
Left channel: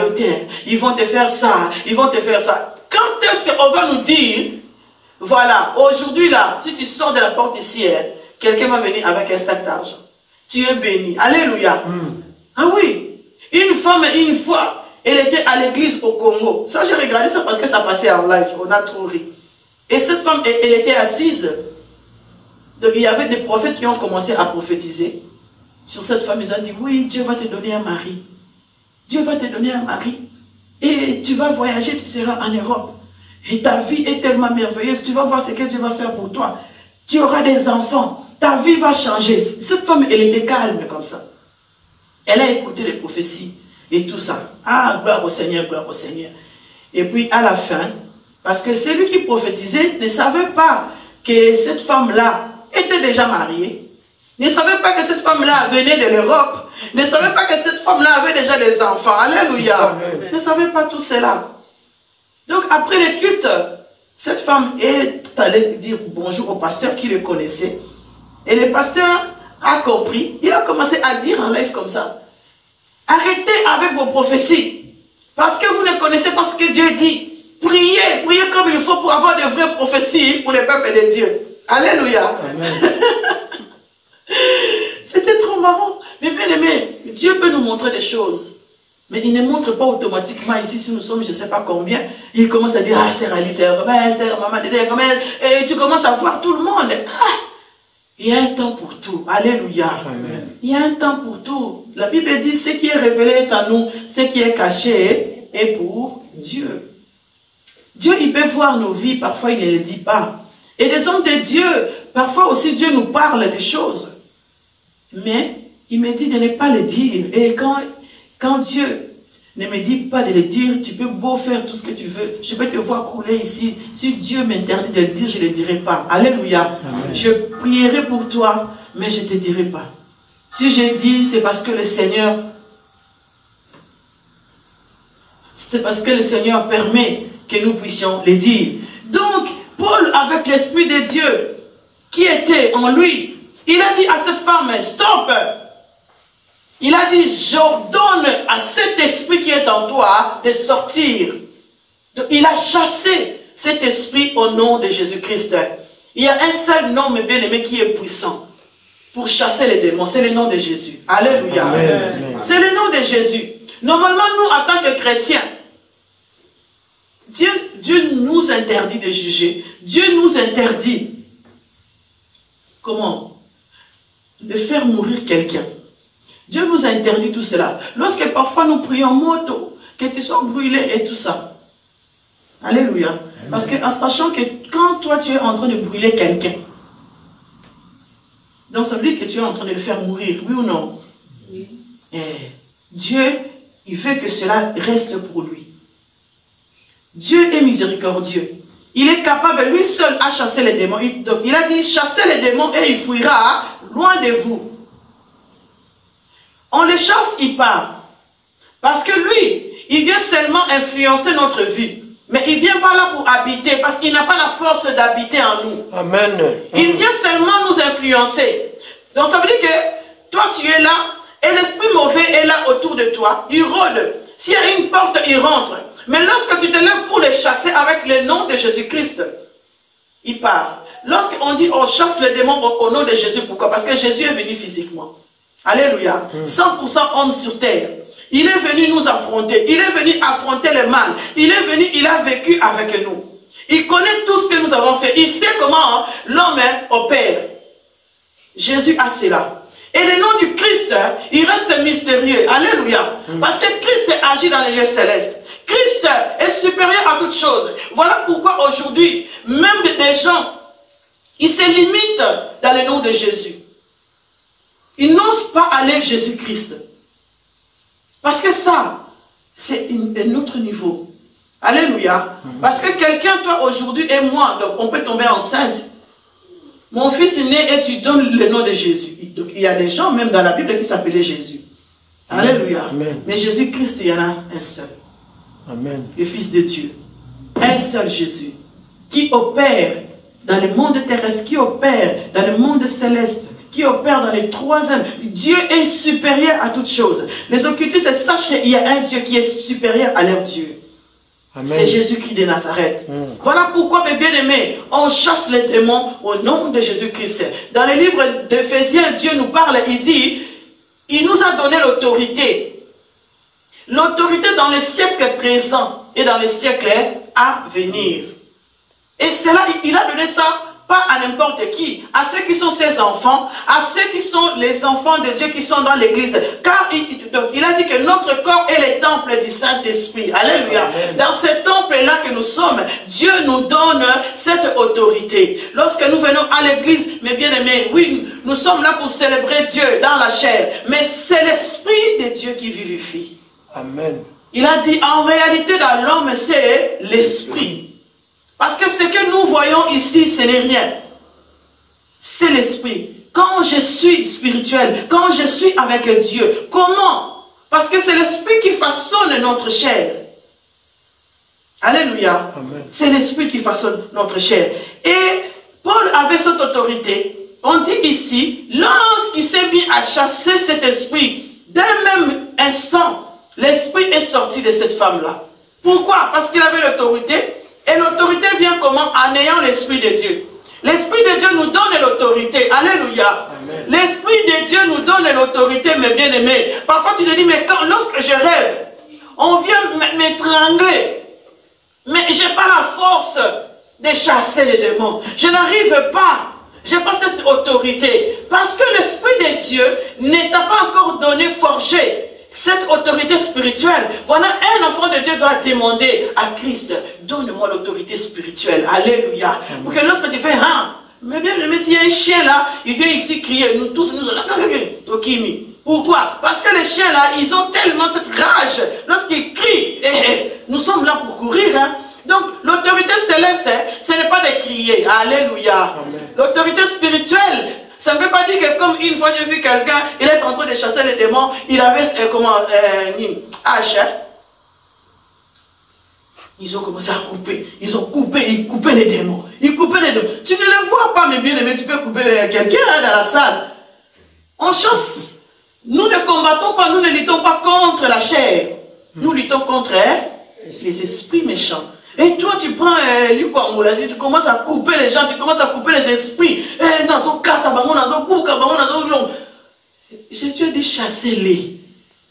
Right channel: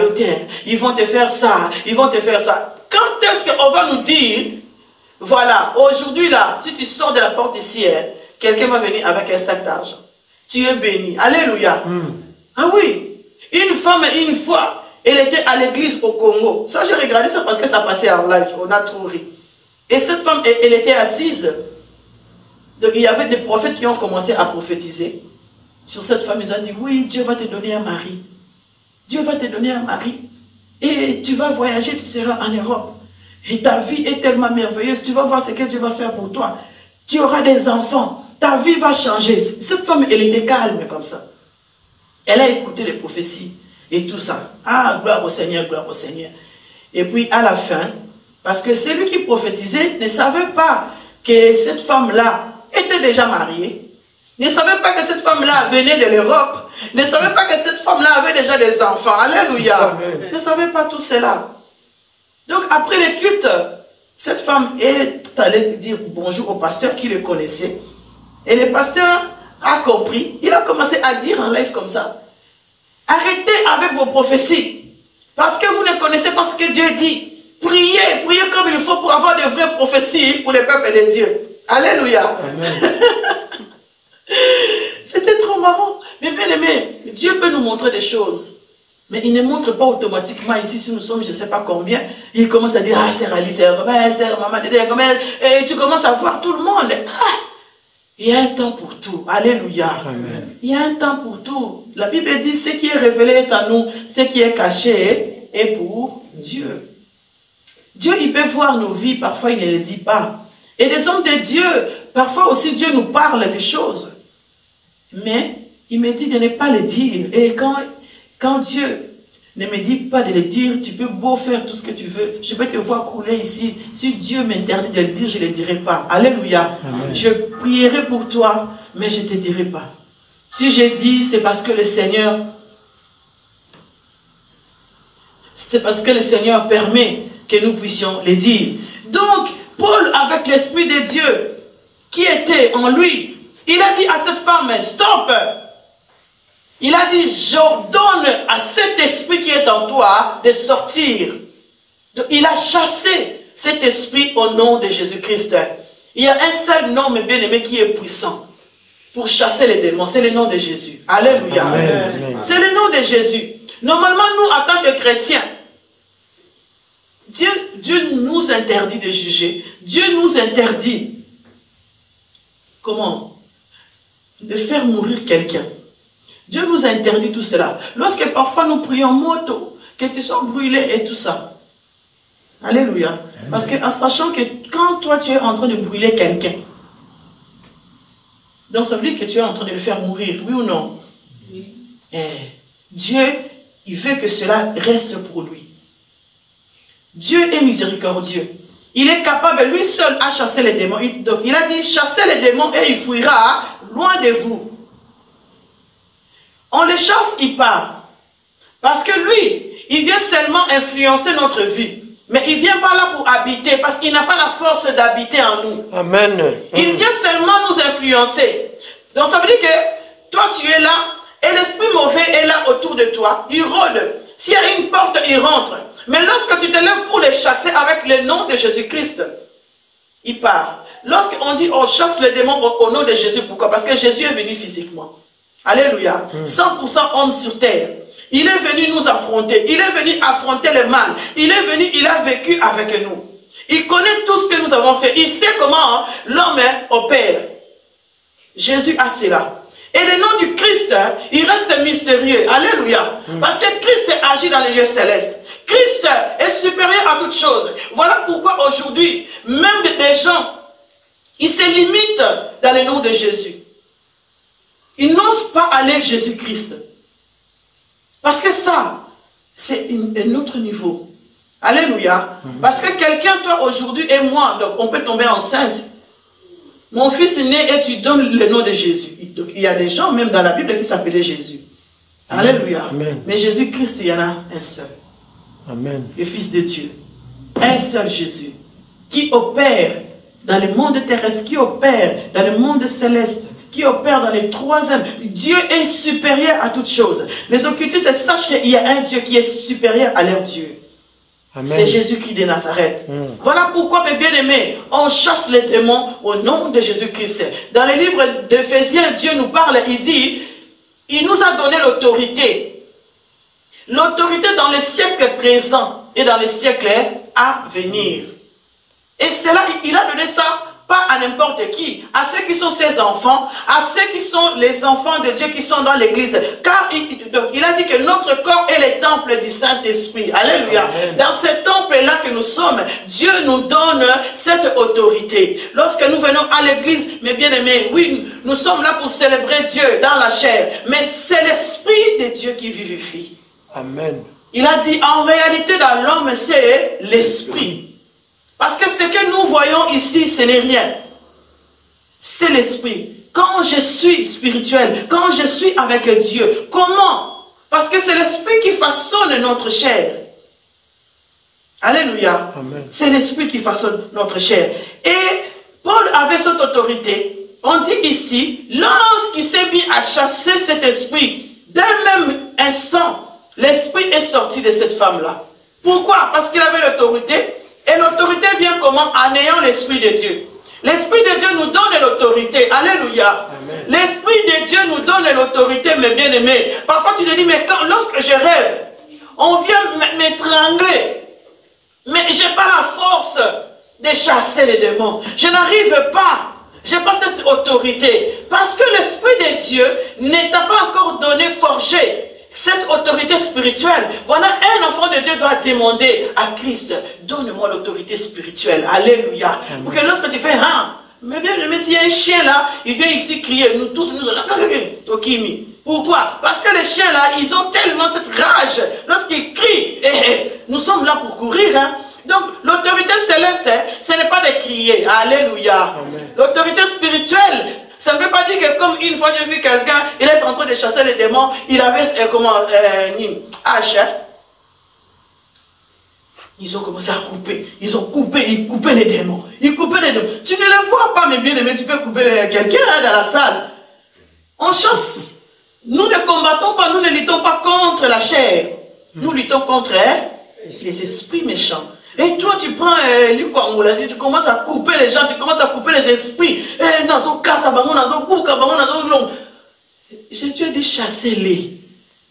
ils vont te faire ça, ils vont te faire ça. Quand est-ce qu'on va nous dire, voilà, aujourd'hui là, si tu sors de la porte ici, quelqu'un va venir avec un sac d'argent. Tu es béni. Alléluia. Ah oui, une femme, une fois, elle était à l'église au Congo. Ça, j'ai regardé ça parce que ça passait en live. On a trop ri. Et cette femme, elle était assise. Donc, il y avait des prophètes qui ont commencé à prophétiser sur cette femme. Ils ont dit, oui, Dieu va te donner un mari. Dieu va te donner un mari. Et tu vas voyager, tu seras en Europe. Et ta vie est tellement merveilleuse. Tu vas voir ce que Dieu va faire pour toi. Tu auras des enfants. Ta vie va changer. Cette femme, elle était calme comme ça. Elle a écouté les prophéties. Et tout ça. Ah, gloire au Seigneur, gloire au Seigneur. Et puis à la fin, parce que celui qui prophétisait ne savait pas que cette femme-là était déjà mariée, ne savait pas que cette femme-là venait de l'Europe, ne savait pas que cette femme-là avait déjà des enfants. Alléluia. Ne savait pas tout cela. Donc après le culte, cette femme est allée dire bonjour au pasteur qui le connaissait. Et le pasteur a compris. Il a commencé à dire en live comme ça. Arrêtez avec vos prophéties. Parce que vous ne connaissez pas ce que Dieu dit. Priez, priez comme il faut pour avoir de vraies prophéties pour le peuple de Dieu. Alléluia. C'était trop marrant. Mais bien aimé, Dieu peut nous montrer des choses. Mais il ne montre pas automatiquement ici, si nous sommes je ne sais pas combien. Il commence à dire, ah, c'est réalisé, maman, et tu commences à voir tout le monde. Ah, il y a un temps pour tout. Alléluia. Amen. Il y a un temps pour tout. La Bible dit, ce qui est révélé est à nous, ce qui est caché est pour Dieu. Dieu, il peut voir nos vies, parfois il ne le dit pas. Et les hommes de Dieu, parfois aussi Dieu nous parle des choses. Mais il me dit de ne pas le dire. Et quand Dieu ne me dit pas de le dire, tu peux beau faire tout ce que tu veux. Je peux te voir couler ici. Si Dieu m'interdit de le dire, je ne le dirai pas. Alléluia. Amen. Je prierai pour toi, mais je ne te dirai pas. Si je dis, c'est parce que le Seigneur permet que nous puissions le dire. Donc, Paul, avec l'Esprit de Dieu qui était en lui, il a dit à cette femme, stop! Il a dit, j'ordonne à cet esprit qui est en toi de sortir. Donc, il a chassé cet esprit au nom de Jésus-Christ. Il y a un seul nom, mes bien-aimés, qui est puissant pour chasser les démons. C'est le nom de Jésus. Alléluia. C'est le nom de Jésus. Normalement, nous, en tant que chrétiens, Dieu nous interdit de juger. Dieu nous interdit, comment? De faire mourir quelqu'un. Dieu nous interdit tout cela. Lorsque parfois nous prions moto, que tu sois brûlé et tout ça. Alléluia. Parce que en sachant que quand toi tu es en train de brûler quelqu'un, donc ça veut dire que tu es en train de le faire mourir, oui ou non? Oui. Dieu, il veut que cela reste pour lui. Dieu est miséricordieux. Il est capable, lui seul, à chasser les démons. Donc il a dit, chassez les démons et il fuira loin de vous. On les chasse, il part. Parce que lui, il vient seulement influencer notre vie. Mais il ne vient pas là pour habiter, parce qu'il n'a pas la force d'habiter en nous. Amen. Il vient seulement nous influencer. Donc ça veut dire que toi tu es là, et l'esprit mauvais est là autour de toi. Il rôde. S'il y a une porte, il rentre. Mais lorsque tu te lèves pour les chasser avec le nom de Jésus-Christ, il part. Lorsqu'on dit on chasse les démons au nom de Jésus, pourquoi? Parce que Jésus est venu physiquement. Alléluia. 100% homme sur terre. Il est venu nous affronter. Il est venu affronter le mal. Il est venu, il a vécu avec nous. Il connaît tout ce que nous avons fait. Il sait comment l'homme opère. Jésus a cela. Et le nom du Christ, il reste mystérieux. Alléluia. Parce que Christ agit dans les lieux célestes. Christ est supérieur à toutes choses. Voilà pourquoi aujourd'hui, même des gens, ils se limitent dans le nom de Jésus. Ils n'osent pas aller à Jésus-Christ. Parce que ça, c'est un autre niveau. Alléluia. Parce que quelqu'un, toi, aujourd'hui, et moi, donc on peut tomber enceinte. Mon fils est né et tu donnes le nom de Jésus. Donc, il y a des gens, même dans la Bible, qui s'appelaient Jésus. Alléluia. Amen. Mais Jésus-Christ, il y en a un seul. Amen. Le Fils de Dieu. Un seul Jésus. Qui opère dans le monde terrestre, qui opère dans le monde céleste, qui opère dans les trois âmes. Dieu est supérieur à toutes choses. Les occultistes sachent qu'il y a un Dieu qui est supérieur à leur Dieu. C'est Jésus-Christ de Nazareth. Voilà pourquoi, mes bien-aimés, on chasse les démons au nom de Jésus-Christ. Dans le livre d'Éphésiens, Dieu nous parle, il dit, il nous a donné l'autorité. L'autorité dans les siècles présents et dans les siècles à venir. Et cela, il a donné ça pas à n'importe qui, à ceux qui sont ses enfants, à ceux qui sont les enfants de Dieu qui sont dans l'église. Car il a dit que notre corps est le temple du Saint-Esprit. Alléluia. Amen. Dans ce temple-là que nous sommes, Dieu nous donne cette autorité. Lorsque nous venons à l'église, mes bien-aimés, oui, nous sommes là pour célébrer Dieu dans la chair. Mais c'est l'Esprit de Dieu qui vivifie. Amen. Il a dit, en réalité, dans l'homme, c'est l'Esprit. Parce que ce que nous voyons ici, ce n'est rien. C'est l'esprit. Quand je suis spirituel, quand je suis avec Dieu, comment? Parce que c'est l'esprit qui façonne notre chair. Alléluia. C'est l'esprit qui façonne notre chair. Et Paul avait cette autorité. On dit ici, lorsqu'il s'est mis à chasser cet esprit, d'un même instant, l'esprit est sorti de cette femme-là. Pourquoi? Parce qu'il avait l'autorité. Et l'autorité vient comment? En ayant l'Esprit de Dieu. L'Esprit de Dieu nous donne l'autorité. Alléluia. L'Esprit de Dieu nous donne l'autorité, mes bien-aimés. Parfois tu te dis, mais lorsque je rêve, on vient m'étrangler. Mais je n'ai pas la force de chasser les démons. Je n'arrive pas. Je n'ai pas cette autorité. Parce que l'Esprit de Dieu ne t'a pas encore donné, forgé cette autorité spirituelle. Voilà, un enfant de Dieu doit demander à Christ, donne-moi l'autorité spirituelle. Alléluia. Pour que lorsque tu fais, mais bien, s'il y a un chien là, il vient ici crier, nous tous, nous pourquoi? Parce que les chiens là, ils ont tellement cette rage. Lorsqu'ils crient, nous sommes là pour courir. Donc, l'autorité céleste, ce n'est pas de crier. Alléluia. L'autorité spirituelle, ça ne veut pas dire que comme une fois j'ai vu quelqu'un, il est en train de chasser les démons, il avait une hache. Ils ont commencé à couper. Ils coupaient les démons. Ils coupaient les démons. Tu ne le vois pas, mais bien aimé, tu peux couper quelqu'un dans la salle. On chasse. Nous ne combattons pas, nous ne luttons pas contre la chair. Nous luttons contre les esprits méchants. Et toi, tu prends tu commences à couper les gens, tu commences à couper les esprits. Jésus a dit, chassez-les.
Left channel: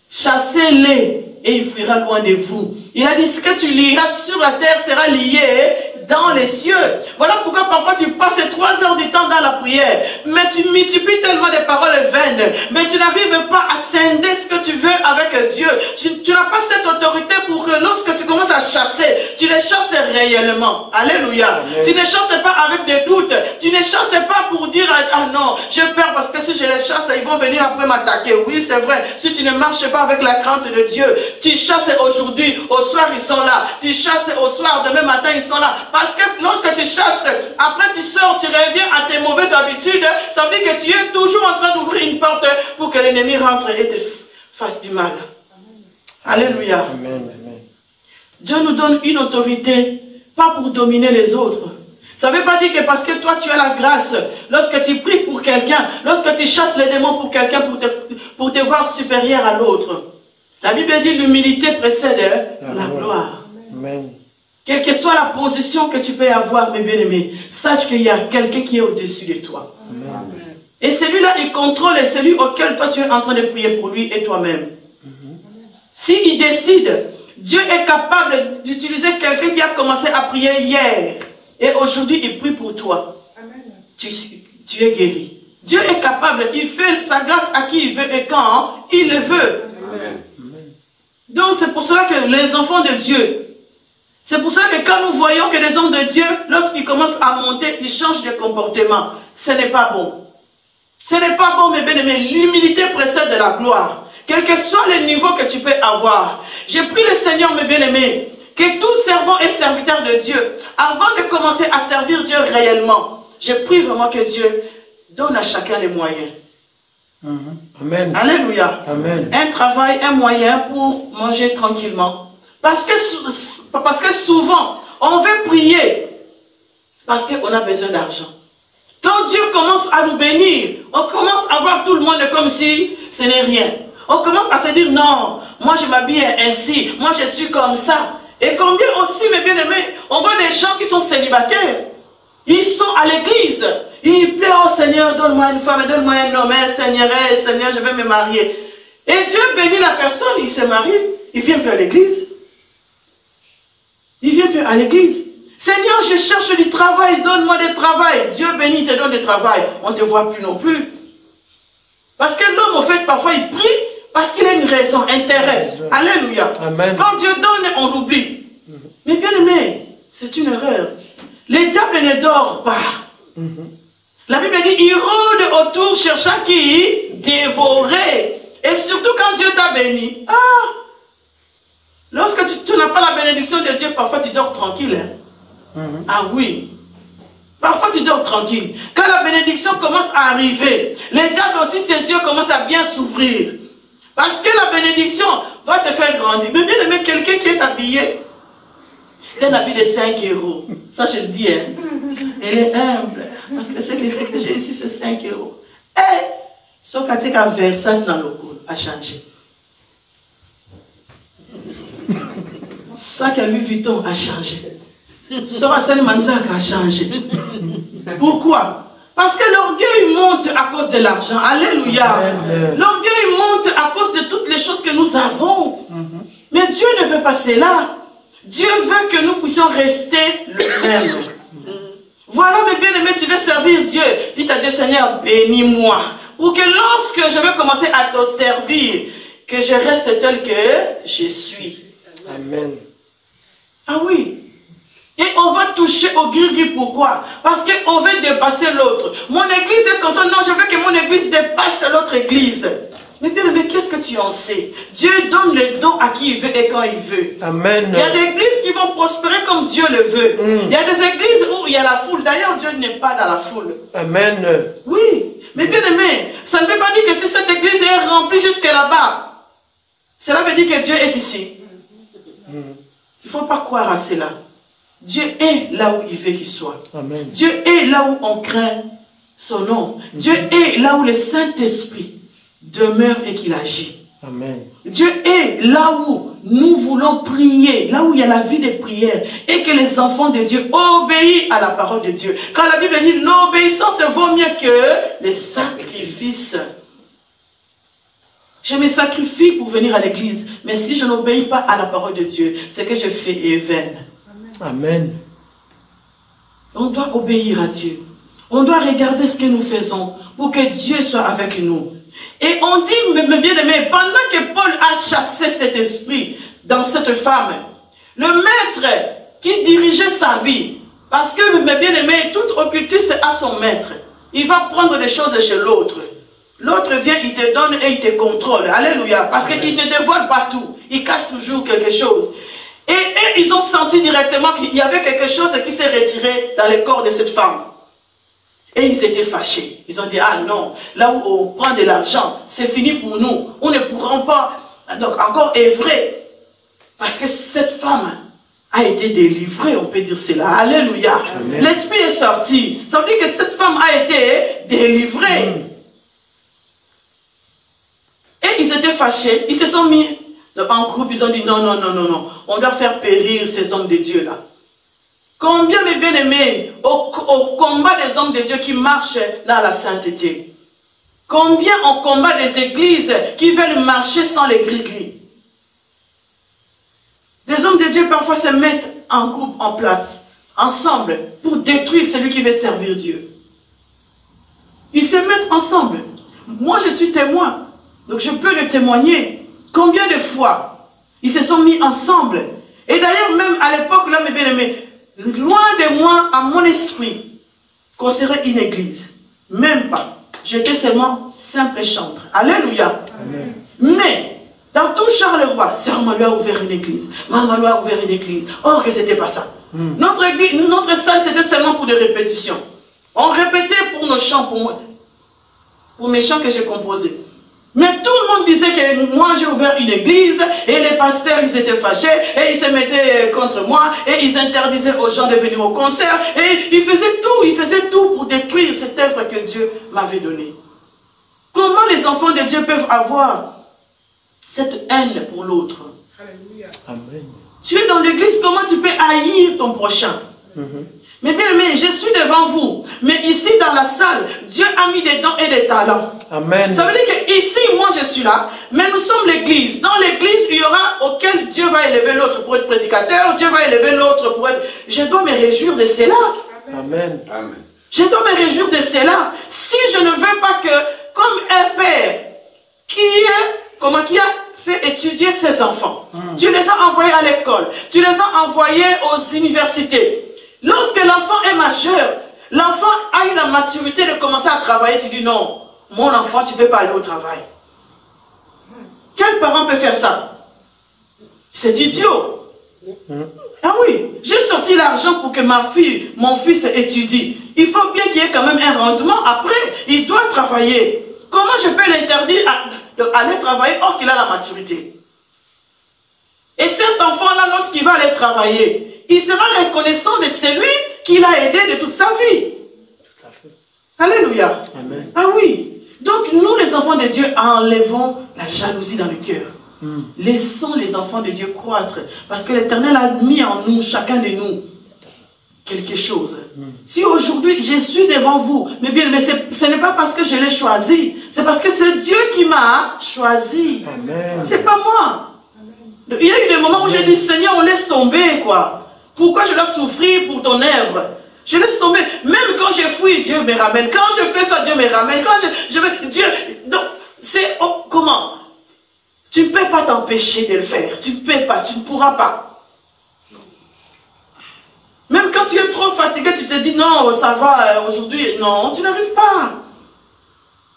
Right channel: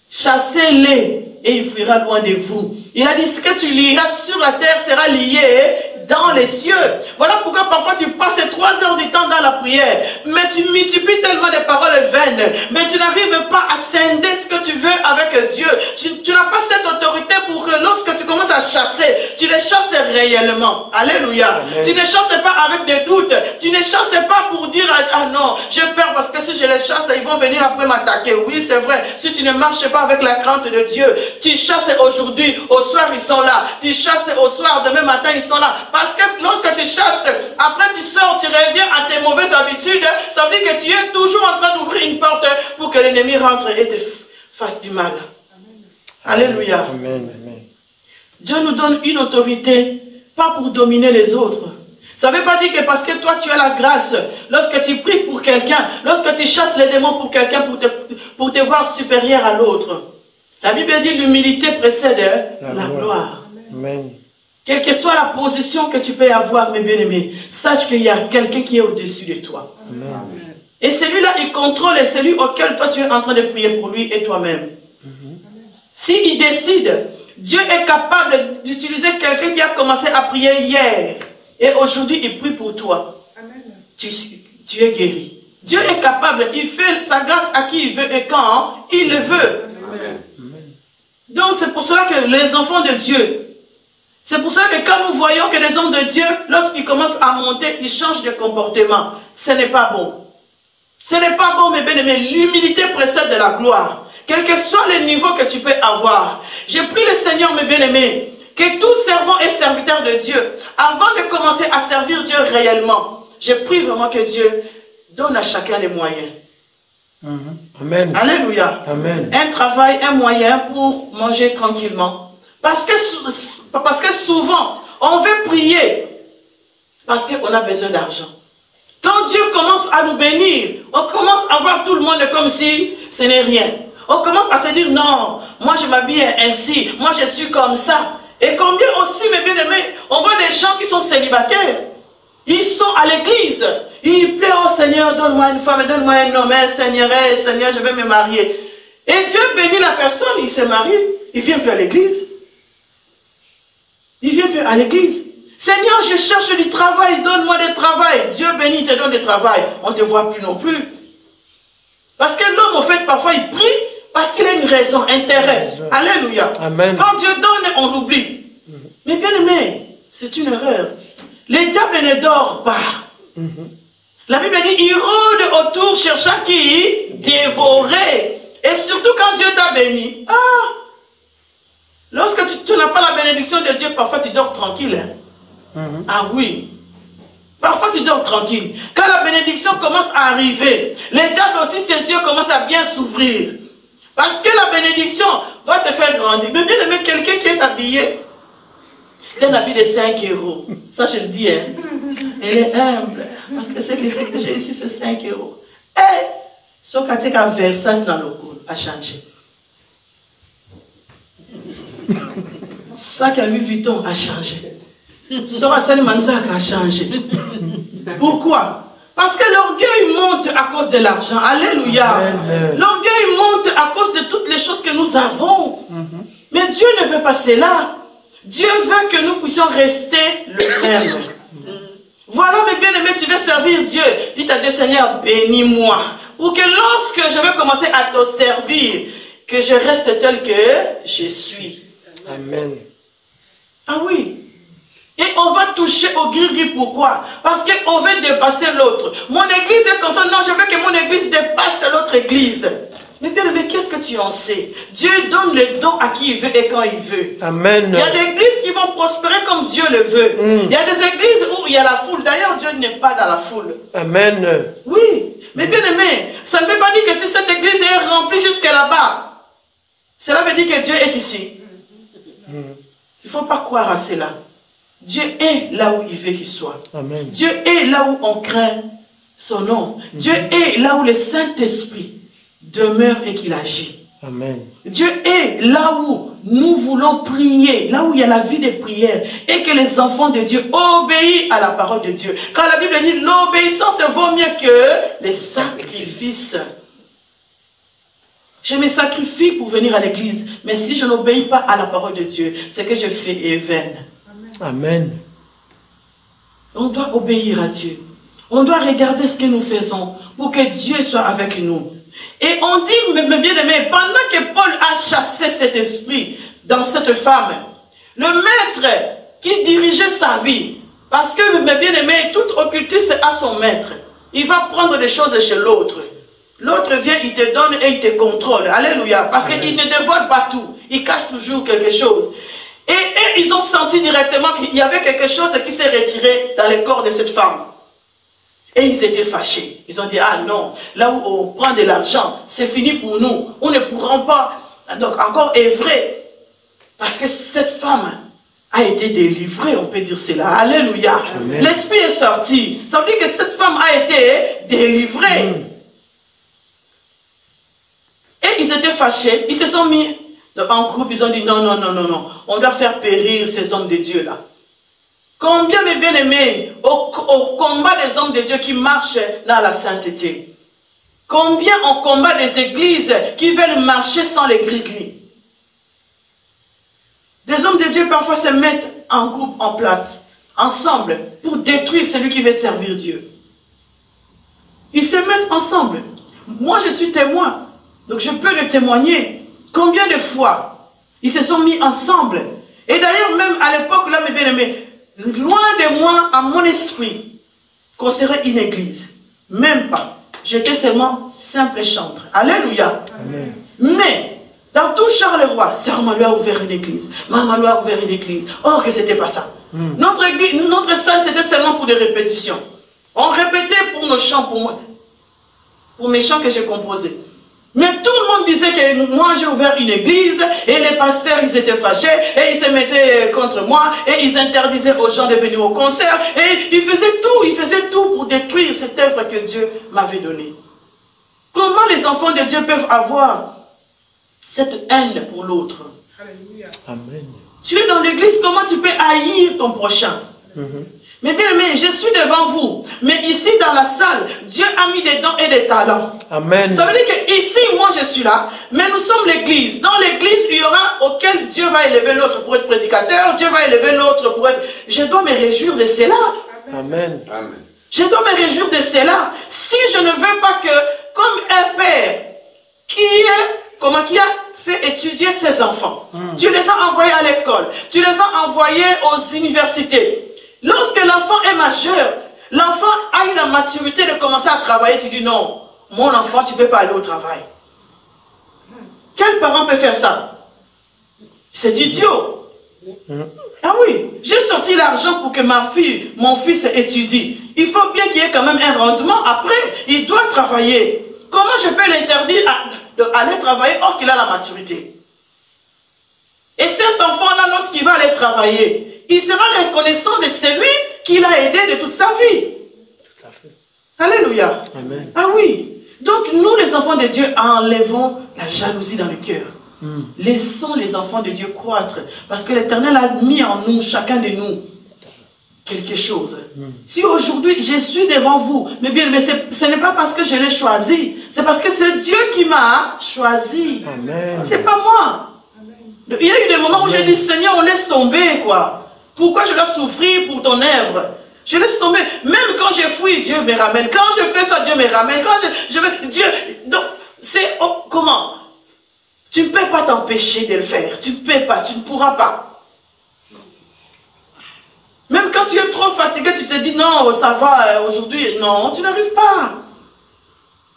Chassez-les et il fuira loin de vous. Il a dit, ce que tu lieras sur la terre sera lié dans les cieux. Voilà pourquoi parfois tu passes 3 heures du temps dans la prière, mais tu multiplies tellement de paroles vaines, mais tu n'arrives pas à scinder ce que tu veux avec Dieu. Tu n'as pas cette autorité pour que lorsque tu commences à chasser, tu les chasses réellement. Alléluia. Amen. Tu ne chasses pas avec des doutes. Tu ne chasses pas pour dire ah non, j'ai peur parce que si je les chasse, ils vont venir après m'attaquer. Oui, c'est vrai. Si tu ne marches pas avec la crainte de Dieu, tu chasses aujourd'hui, au soir ils sont là. Tu chasses au soir, demain matin ils sont là. Parce que lorsque tu chasses, après tu sors, tu reviens à tes mauvaises habitudes, ça veut dire que tu es toujours en train d'ouvrir une porte pour que l'ennemi rentre et te fasse du mal. Amen. Alléluia. Amen. Dieu nous donne une autorité, pas pour dominer les autres. Ça ne veut pas dire que parce que toi tu as la grâce, lorsque tu pries pour quelqu'un, lorsque tu chasses les démons pour quelqu'un, pour te voir supérieur à l'autre. La Bible dit l'humilité précède la gloire. Amen. Quelle que soit la position que tu peux avoir, mes bien-aimés, sache qu'il y a quelqu'un qui est au-dessus de toi. Amen. Et celui-là, il contrôle celui auquel toi tu es en train de prier pour lui et toi-même. S'il décide, Dieu est capable d'utiliser quelqu'un qui a commencé à prier hier. Et aujourd'hui, il prie pour toi. Amen. Tu es guéri. Dieu est capable. Il fait sa grâce à qui il veut et quand il le veut. Amen. Donc c'est pour cela que les enfants de Dieu, c'est pour cela que quand nous voyons que les hommes de Dieu, lorsqu'ils commencent à monter, ils changent de comportement. Ce n'est pas bon. Ce n'est pas bon, mes bien-aimés. L'humilité précède de la gloire. Quel que soit le niveau que tu peux avoir. Je prie le Seigneur, mes bien-aimés, que tout servant et serviteur de Dieu, avant de commencer à servir Dieu réellement, je prie vraiment que Dieu donne à chacun les moyens. Amen. Alléluia. Amen. Un travail, un moyen pour manger tranquillement. Parce que souvent, on veut prier parce qu'on a besoin d'argent. Quand Dieu commence à nous bénir, on commence à voir tout le monde comme si ce n'est rien. On commence à se dire non, moi je m'habille ainsi, moi je suis comme ça. Et combien aussi, mes bien-aimés, on voit des gens qui sont célibataires. Ils sont à l'église. Ils pleurent, oh Seigneur, donne-moi une femme, donne-moi un homme, Seigneur, je vais me marier. Et Dieu bénit la personne, il se marie, il ne vient plus à l'église. Il ne vient plus à l'église. Seigneur, je cherche du travail, donne-moi du travail. Dieu bénit, te donne du travail. On ne te voit plus non plus. Parce que l'homme, en fait, parfois, il prie parce qu'il a une raison, intérêt. Alléluia. Amen. Quand Dieu donne, on l'oublie. Mais bien aimé, c'est une erreur. Le diable ne dort pas. La Bible dit, il rôde autour cherchant qui dévorer. Et surtout quand Dieu t'a béni. Lorsque tu n'as pas la bénédiction de Dieu, parfois tu dors tranquille. Ah oui. Parfois tu dors tranquille. Quand la bénédiction commence à arriver, le diable aussi, ses yeux commencent à bien s'ouvrir. Parce que la bénédiction va te faire grandir. Mais bien aimé, quelqu'un qui est habillé d'un habit de 5 euros. Ça je le dis, hein. Elle est humble. Parce que ce que j'ai ici, c'est 5 euros. Et ce que tu as versé dans le cours a changé. Ça que Louis Vuitton a changé. Ce que Manzak a changé. Pourquoi? Parce que l'orgueil monte à cause de l'argent. Alléluia. L'orgueil monte à cause de toutes les choses que nous avons. Mais Dieu ne veut pas cela. Dieu veut que nous puissions rester le même. Voilà, mes bien-aimés, tu veux servir Dieu. Dis à Dieu, Seigneur, bénis-moi. Pour que lorsque je vais commencer à te servir, que je reste tel que je suis. Amen. Ah oui. Et on va toucher au gris-gris. Pourquoi? Parce qu'on veut dépasser l'autre. Mon église est comme ça. Non, je veux que mon église dépasse l'autre église. Mais bien aimé, qu'est-ce que tu en sais? Dieu donne le don à qui il veut et quand il veut. Amen. Il y a des églises qui vont prospérer comme Dieu le veut. Il y a des églises où il y a la foule. D'ailleurs, Dieu n'est pas dans la foule. Amen. Oui. Mais bien aimé, ça ne veut pas dire que si cette église est remplie jusqu'à là-bas, cela veut dire que Dieu est ici. Il ne faut pas croire à cela. Dieu est là où il veut qu'il soit. Amen. Dieu est là où on craint son nom. Dieu est là où le Saint-Esprit demeure et qu'il agit. Amen. Dieu est là où nous voulons prier, là où il y a la vie de prière, et que les enfants de Dieu obéissent à la parole de Dieu. Car la Bible dit l'obéissance vaut mieux que les sacrifices. Je me sacrifie pour venir à l'église, mais si je n'obéis pas à la parole de Dieu, ce que je fais est vain. Amen. On doit obéir à Dieu. On doit regarder ce que nous faisons pour que Dieu soit avec nous. Et on dit, mes bien-aimés, pendant que Paul a chassé cet esprit dans cette femme, le maître qui dirigeait sa vie, parce que, mes bien-aimés, tout occultiste a son maître. Il va prendre des choses chez l'autre. L'autre vient, il te donne et il te contrôle. Alléluia. Parce qu'il ne dévoile pas tout. Il cache toujours quelque chose. Et ils ont senti directement qu'il y avait quelque chose qui s'est retiré dans le corps de cette femme. Et ils étaient fâchés. Ils ont dit, ah non, là où on prend de l'argent, c'est fini pour nous. On ne pourra pas, donc encore œuvrer. Parce que cette femme a été délivrée, on peut dire cela. Alléluia. L'esprit est sorti. Ça veut dire que cette femme a été délivrée. Et ils étaient fâchés. Ils se sont mis en groupe. Ils ont dit, non, non, non, non, non. On doit faire périr ces hommes de Dieu là. Combien de bien-aimés au combat des hommes de Dieu qui marchent dans la sainteté? Combien au combat des églises qui veulent marcher sans les gris-gris? Des hommes de Dieu parfois se mettent en groupe, en place, ensemble, pour détruire celui qui veut servir Dieu. Ils se mettent ensemble. Moi, je suis témoin, donc je peux le témoigner. Combien de fois ils se sont mis ensemble? Et d'ailleurs, même à l'époque, là, mes bien-aimés, loin de moi, à mon esprit, qu'on serait une église. Même pas. J'étais seulement simple chantre. Alléluia. Amen. Mais, dans tout Charleroi, Sœur Maloua a ouvert une église. Maman Maloua a ouvert une église. Or que c'était pas ça. Notre église, notre salle, c'était seulement pour des répétitions. On répétait pour nos chants, pour mes chants que j'ai composés. Mais tout le monde disait que moi j'ai ouvert une église et les pasteurs ils étaient fâchés et ils se mettaient contre moi et ils interdisaient aux gens de venir au concert et ils faisaient tout pour détruire cette œuvre que Dieu m'avait donnée. Comment les enfants de Dieu peuvent avoir cette haine pour l'autre? Alléluia. Amen. Tu es dans l'église, comment tu peux haïr ton prochain? Mais bien aimé, je suis devant vous. Mais ici dans la salle, Dieu a mis des dons et des talents. Amen. Ça veut dire que ici, moi je suis là, mais nous sommes l'église. Dans l'église, il y aura auquel Dieu va élever l'autre pour être prédicateur, Dieu va élever l'autre pour être... Je dois me réjouir de cela. Amen. Amen. Je dois me réjouir de cela. Si je ne veux pas que, comme un père qui a fait étudier ses enfants, tu les as envoyés à l'école, tu les as envoyés aux universités. Lorsque l'enfant est majeur, l'enfant a eu la maturité de commencer à travailler, tu dis non, mon enfant, tu ne peux pas aller au travail. Quel parent peut faire ça? C'est idiot. Ah oui, j'ai sorti l'argent pour que ma fille, mon fils étudie. Il faut bien qu'il y ait quand même un rendement. Après, il doit travailler. Comment je peux l'interdire d'aller travailler or qu'il a la maturité? Et cet enfant-là, lorsqu'il va aller travailler, il sera reconnaissant de celui qui l'a aidé de toute sa vie. Alléluia. Amen. Ah oui. Donc nous, les enfants de Dieu, enlevons la jalousie dans le cœur. Laissons les enfants de Dieu croître. Parce que l'Éternel a mis en nous, chacun de nous, quelque chose. Si aujourd'hui je suis devant vous, mais bien, ce n'est pas parce que je l'ai choisi, c'est parce que c'est Dieu qui m'a choisi. C'est pas moi. Amen. Il y a eu des moments où j'ai dit, Seigneur, on laisse tomber, quoi. Pourquoi je dois souffrir pour ton œuvre? Je laisse tomber. Même quand je fuis, Dieu me ramène. Quand je fais ça, Dieu me ramène. Quand je veux, Dieu... Donc, c'est... comment? Tu ne peux pas t'empêcher de le faire. Tu ne peux pas. Tu ne pourras pas. Même quand tu es trop fatigué, tu te dis, non, ça va, aujourd'hui. Non, tu n'arrives pas.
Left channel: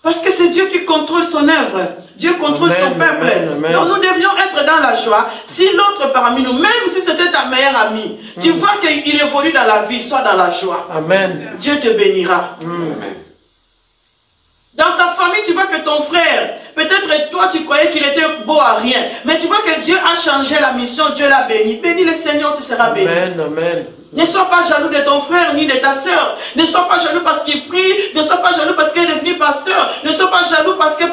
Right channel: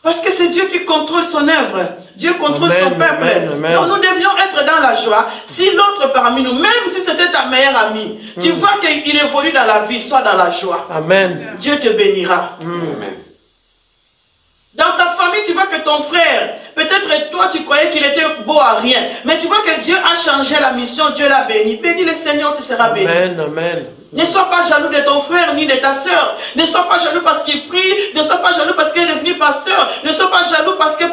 Parce que c'est Dieu qui contrôle son œuvre. Dieu contrôle son peuple. Donc nous devions être dans la joie. Si l'autre parmi nous, même si c'était ta meilleure amie, tu vois qu'il évolue dans la vie, sois dans la joie. Amen. Dieu te bénira. Dans ta famille, tu vois que ton frère, peut-être toi tu croyais qu'il était beau à rien, mais tu vois que Dieu a changé la mission, Dieu l'a béni. Bénis le Seigneur, tu seras béni. Amen. Amen. Ne sois pas jaloux de ton frère ni de ta soeur. Ne sois pas jaloux parce qu'il prie. Ne sois pas jaloux parce qu'il est devenu pasteur. Ne sois pas jaloux parce que.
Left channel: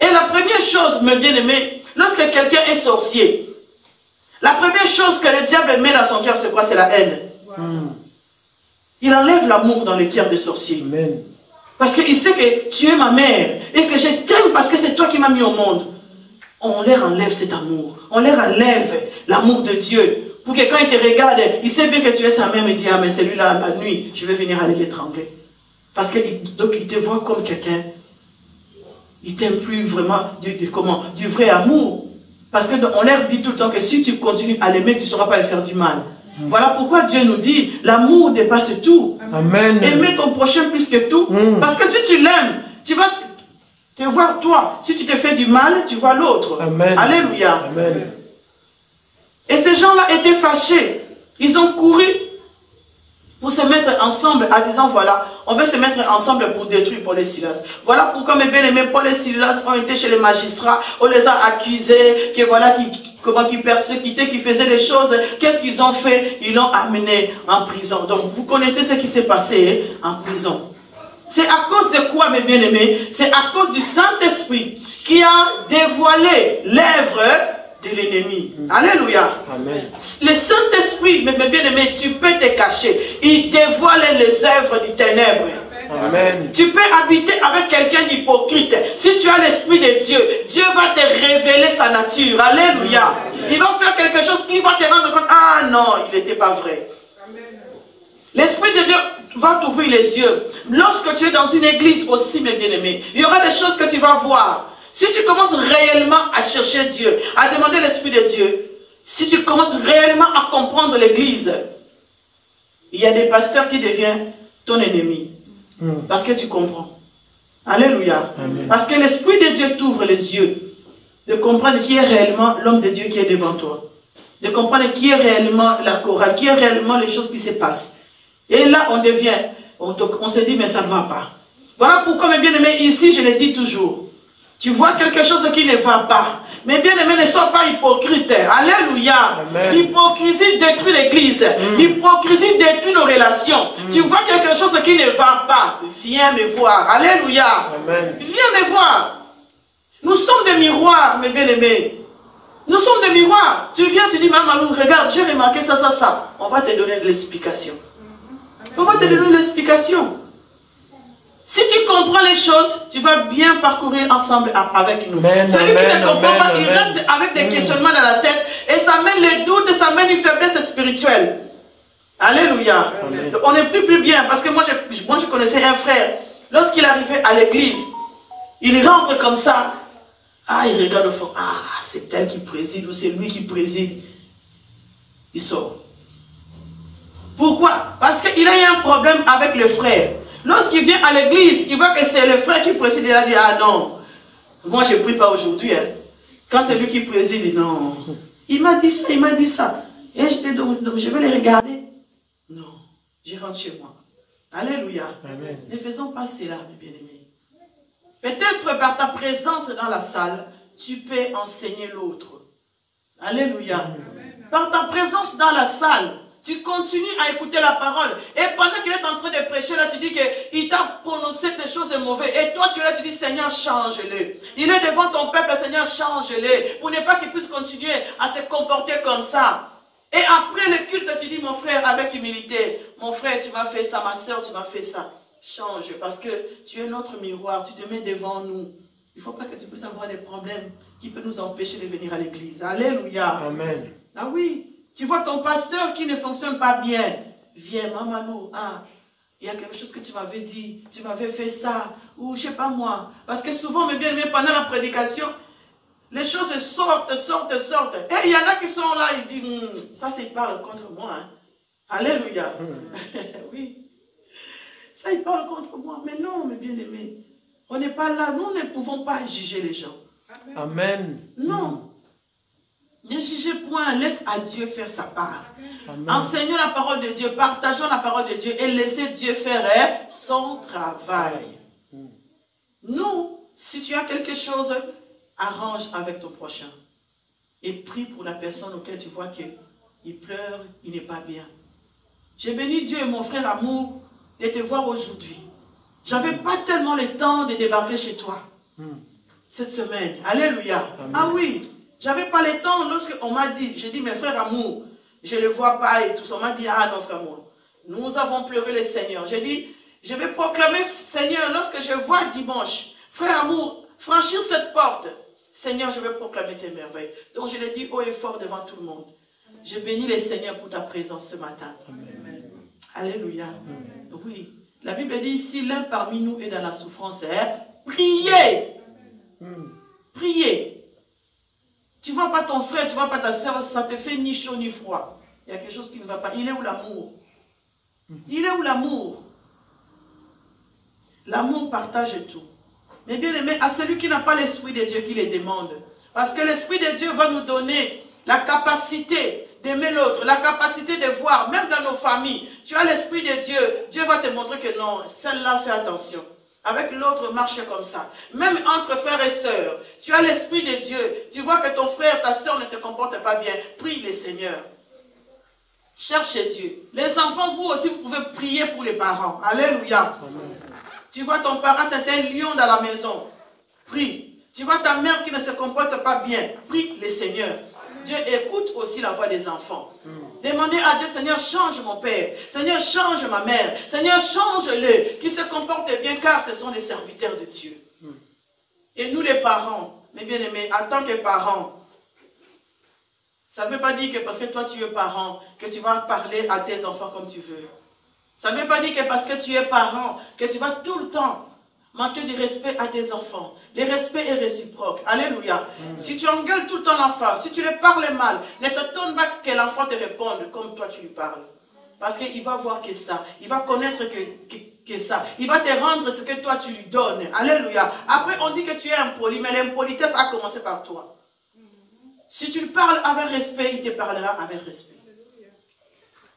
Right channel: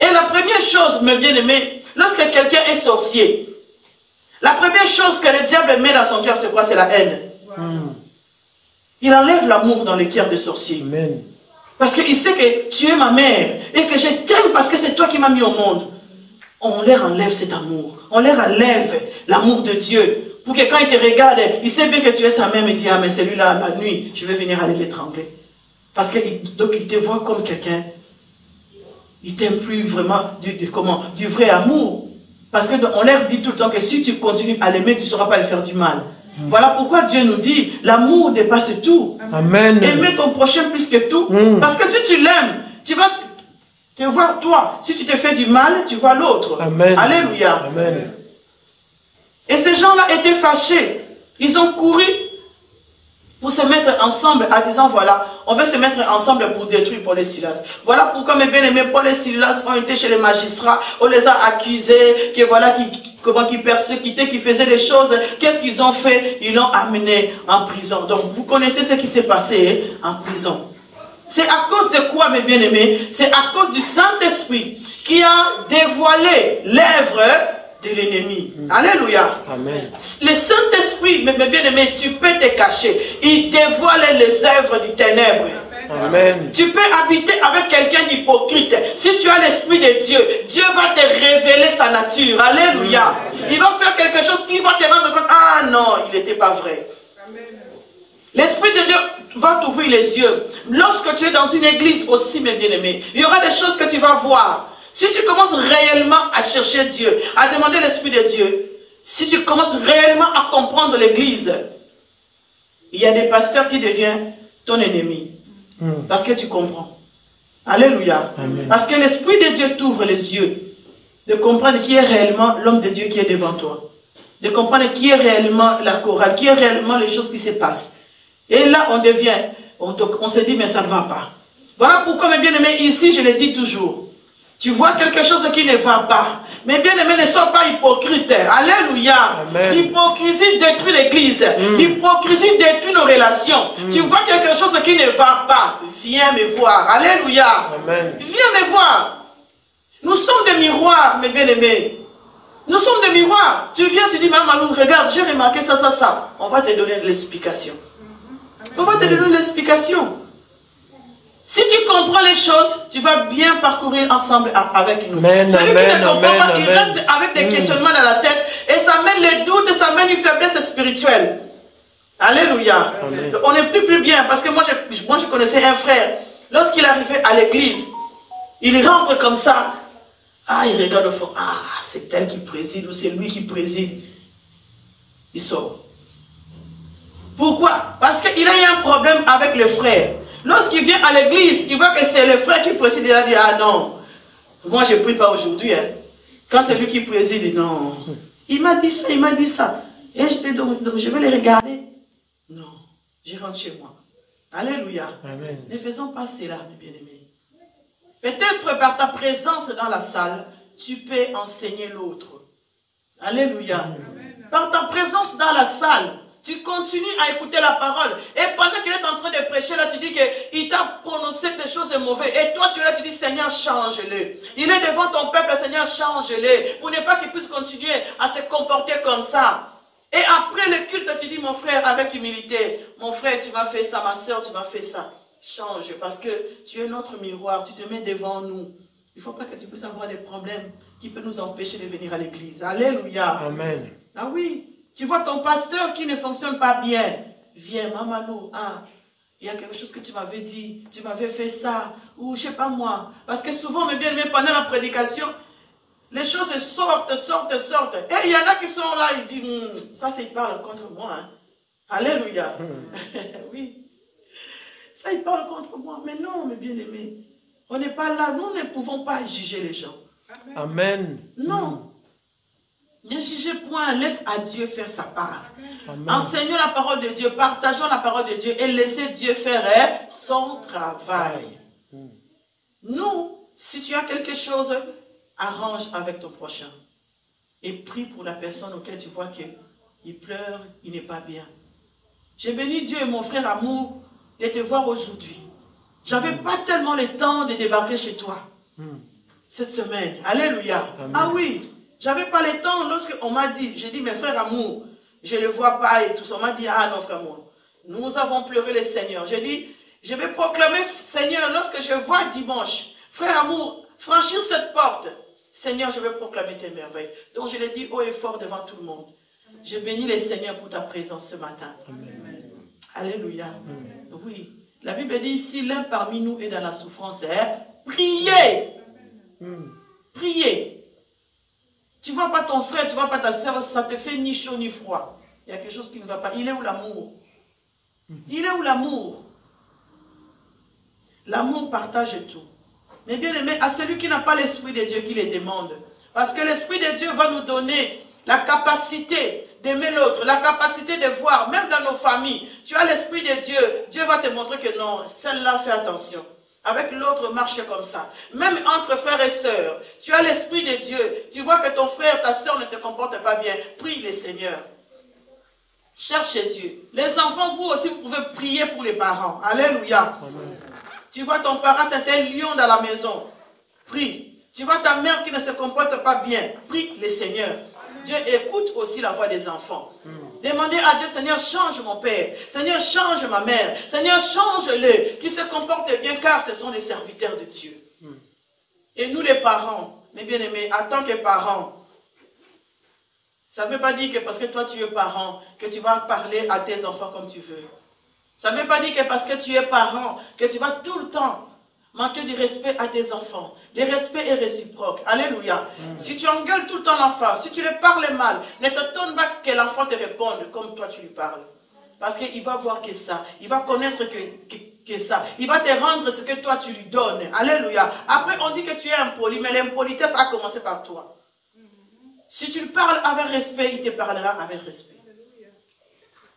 Et la première chose, mes bien-aimés, lorsque quelqu'un est sorcier, la première chose que le diable met dans son cœur, c'est quoi? C'est la haine. Il enlève l'amour dans le cœur des sorciers. Amen. Parce qu'il sait que tu es ma mère et que je t'aime parce que c'est toi qui m'as mis au monde. On leur enlève cet amour. On leur enlève l'amour de Dieu Pour que quand il te regarde, il sait bien que tu es sa mère, il dit, ah mais celui-là, la nuit, je vais venir aller l'étrangler. Parce qu'il te voit comme quelqu'un, il t'aime plus vraiment du vrai amour. Parce qu'on leur dit tout le temps que si tu continues à l'aimer, tu ne sauras pas lui faire du mal. Voilà pourquoi Dieu nous dit, l'amour dépasse tout. Amen. Aimer ton prochain plus que tout. Parce que si tu l'aimes, tu vas te voir toi. Si tu te fais du mal, tu vois l'autre. Alléluia. Amen. Et ces gens-là étaient fâchés. Ils ont couru pour se mettre ensemble en disant, voilà, on veut se mettre ensemble pour détruire Paul et Silas. Voilà pourquoi mes bien-aimés, Paul et Silas ont été chez les magistrats, on les a accusés, que voilà, qui persécutaient, qui faisaient des choses. Qu'est-ce qu'ils ont fait? Ils l'ont amené en prison. Donc, vous connaissez ce qui s'est passé en prison. C'est à cause de quoi, mes bien-aimés? C'est à cause du Saint-Esprit qui a dévoilé l'œuvre de l'ennemi. Alléluia. Amen. Le Saint-Esprit, mes bien-aimés, tu peux te cacher. Il dévoile les œuvres du ténèbre. Amen. Tu peux habiter avec quelqu'un d'hypocrite. Si tu as l'Esprit de Dieu, Dieu va te révéler sa nature. Alléluia. Il va faire quelque chose qui va te rendre compte. Ah non, il n'était pas vrai. L'Esprit de Dieu va t'ouvrir les yeux. Lorsque tu es dans une église aussi, mes bien-aimés, il y aura des choses que tu vas voir. Si tu commences réellement à chercher Dieu, à demander l'Esprit de Dieu, si tu commences réellement à comprendre l'église, il y a des pasteurs qui deviennent ton ennemi. Parce que tu comprends. Alléluia. Amen. Parce que l'Esprit de Dieu t'ouvre les yeux de comprendre qui est réellement l'homme de Dieu qui est devant toi. De comprendre qui est réellement la chorale, qui est réellement les choses qui se passent. Et là, on se dit, mais ça ne va pas. Voilà pourquoi, mes bien-aimés, ici, je le dis toujours. Tu vois quelque chose qui ne va pas. Mes bien-aimés, ne sois pas hypocrite. Alléluia. L'hypocrisie détruit l'église. L'hypocrisie détruit nos relations. Tu vois quelque chose qui ne va pas. Viens me voir. Alléluia. Amen. Viens me voir. Nous sommes des miroirs, mes bien-aimés. Nous sommes des miroirs. Tu viens, tu dis, maman, regarde, j'ai remarqué ça, ça, ça. On va te donner l'explication. On va te donner l'explication. Si tu comprends les choses, tu vas bien parcourir ensemble avec nous. Celui qui ne comprend pas, il reste avec des questionnements dans la tête et ça mène les doutes, ça mène une faiblesse spirituelle. Alléluia. Amen. On n'est plus bien parce que moi je connaissais un frère. Lorsqu'il arrivait à l'église, il rentre comme ça. Ah, il regarde au fond. Ah, c'est elle qui préside ou c'est lui qui préside. Il sort. Pourquoi? Parce qu'il a eu un problème avec le frère. Lorsqu'il vient à l'église, il voit que c'est le frère qui préside. Il a dit, ah non, moi je ne prie pas aujourd'hui. Hein. Quand c'est lui qui préside, non. Il m'a dit ça, il m'a dit ça. Et donc, je vais le regarder. Non, je rentre chez moi. Alléluia. Amen. Ne faisons pas cela, mes bien-aimés. Peut-être par ta présence dans la salle, tu peux enseigner l'autre. Alléluia. Amen. Par ta présence dans la salle, tu continues à écouter la parole. Et pendant qu'il est en train de prêcher, là, tu dis qu'il t'a prononcé des choses mauvaises. Et toi, tu es là, tu dis, Seigneur, change-le. Il est devant ton peuple, Seigneur, change-le. Pour ne pas qu'il puisse continuer à se comporter comme ça. Et après le culte, tu dis, mon frère, avec humilité, mon frère, tu m'as fait ça, ma soeur, tu m'as fait ça. Change, parce que tu es notre miroir, tu te mets devant nous. Il ne faut pas que tu puisses avoir des problèmes qui peuvent nous empêcher de venir à l'église. Alléluia. Amen. Ah oui. Tu vois ton pasteur qui ne fonctionne pas bien. Viens, maman, ah, il y a quelque chose que tu m'avais dit, tu m'avais fait ça, ou je ne sais pas moi. Parce que souvent, mes bien-aimés, pendant la prédication, les choses sortent. Et il y en a qui sont là, ils disent, ça, c'est il parle contre moi. Hein. Alléluia. Oui. Ça, il parle contre moi. Mais non, mes bien-aimés, on n'est pas là. Nous ne pouvons pas juger les gens. Amen. Non. Ne jugez point, laisse à Dieu faire sa part. Amen. Enseignons la parole de Dieu, partageons la parole de Dieu et laissez Dieu faire son travail. Nous, si tu as quelque chose, arrange avec ton prochain. Et prie pour la personne auquel tu vois qu'il pleure, il n'est pas bien. J'ai béni Dieu et mon frère amour de te voir aujourd'hui. J'avais pas tellement le temps de débarquer chez toi cette semaine. Alléluia. Amen. Ah oui. J'avais pas le temps lorsqu'on m'a dit, j'ai dit, mes frères amour, je ne le vois pas et tout ça. On m'a dit, ah non, frère amour, nous avons pleuré le Seigneur. J'ai dit, je vais proclamer, Seigneur, lorsque je vois dimanche, frère amour, franchir cette porte, Seigneur, je vais proclamer tes merveilles. Donc je l'ai dit haut et fort devant tout le monde. Je bénis les Seigneurs pour ta présence ce matin. Amen. Alléluia. Amen. Oui. La Bible dit, si l'un parmi nous est dans la souffrance, priez. Priez. Tu ne vois pas ton frère, tu ne vois pas ta soeur, ça te fait ni chaud ni froid. Il y a quelque chose qui ne va pas. Il est où l'amour? Il est où l'amour? L'amour partage tout. Mais bien aimé, à celui qui n'a pas l'Esprit de Dieu qui les demande. Parce que l'Esprit de Dieu va nous donner la capacité d'aimer l'autre, la capacité de voir, même dans nos familles. Tu as l'Esprit de Dieu, Dieu va te montrer que non, celle-là, fais attention. Avec l'autre, marche comme ça. Même entre frères et sœurs, tu as l'Esprit de Dieu. Tu vois que ton frère, ta sœur ne te comporte pas bien. Prie le Seigneur. Cherchez Dieu. Les enfants, vous aussi, vous pouvez prier pour les parents. Alléluia. Amen. Tu vois ton parent, c'est un lion dans la maison. Prie. Tu vois ta mère qui ne se comporte pas bien. Prie le Seigneur. Dieu écoute aussi la voix des enfants. Demandez à Dieu, Seigneur, change mon père. Seigneur, change ma mère. Seigneur, change-le. Qui se comporte bien, car ce sont les serviteurs de Dieu. Et nous les parents, mes bien-aimés, en tant que parents, ça ne veut pas dire que parce que toi tu es parent, que tu vas parler à tes enfants comme tu veux. Ça ne veut pas dire que parce que tu es parent, que tu vas tout le temps manquer de respect à tes enfants. Le respect est réciproque. Alléluia. Si tu engueules tout le temps l'enfant, si tu lui parles mal, ne t'étonne pas que l'enfant te réponde comme toi tu lui parles. Parce qu'il va voir que ça. Il va connaître que ça. Il va te rendre ce que toi tu lui donnes. Alléluia. Après on dit que tu es impoli, mais l'impolitesse a commencé par toi. Si tu lui parles avec respect, il te parlera avec respect.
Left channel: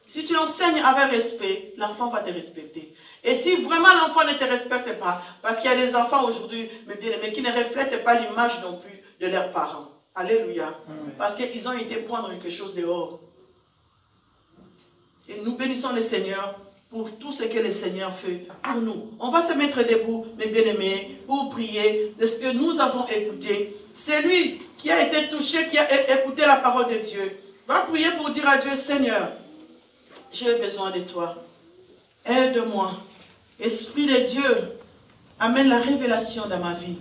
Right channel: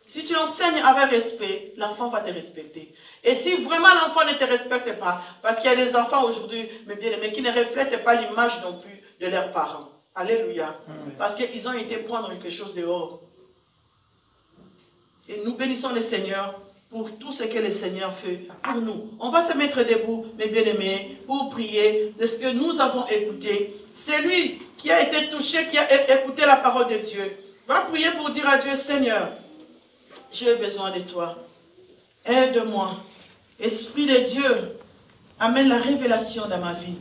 Si tu l'enseignes avec respect, l'enfant va te respecter. Et si vraiment l'enfant ne te respecte pas, parce qu'il y a des enfants aujourd'hui, mais qui ne reflètent pas l'image non plus de leurs parents. Alléluia. Parce qu'ils ont été prendre quelque chose dehors. Et nous bénissons le Seigneur pour tout ce que le Seigneur fait pour nous. On va se mettre debout, mes bien-aimés, pour prier de ce que nous avons écouté. C'est lui qui a été touché, qui a écouté la parole de Dieu. Va prier pour dire à Dieu, Seigneur, j'ai besoin de toi. Aide-moi. Esprit de Dieu, amène la révélation dans ma vie.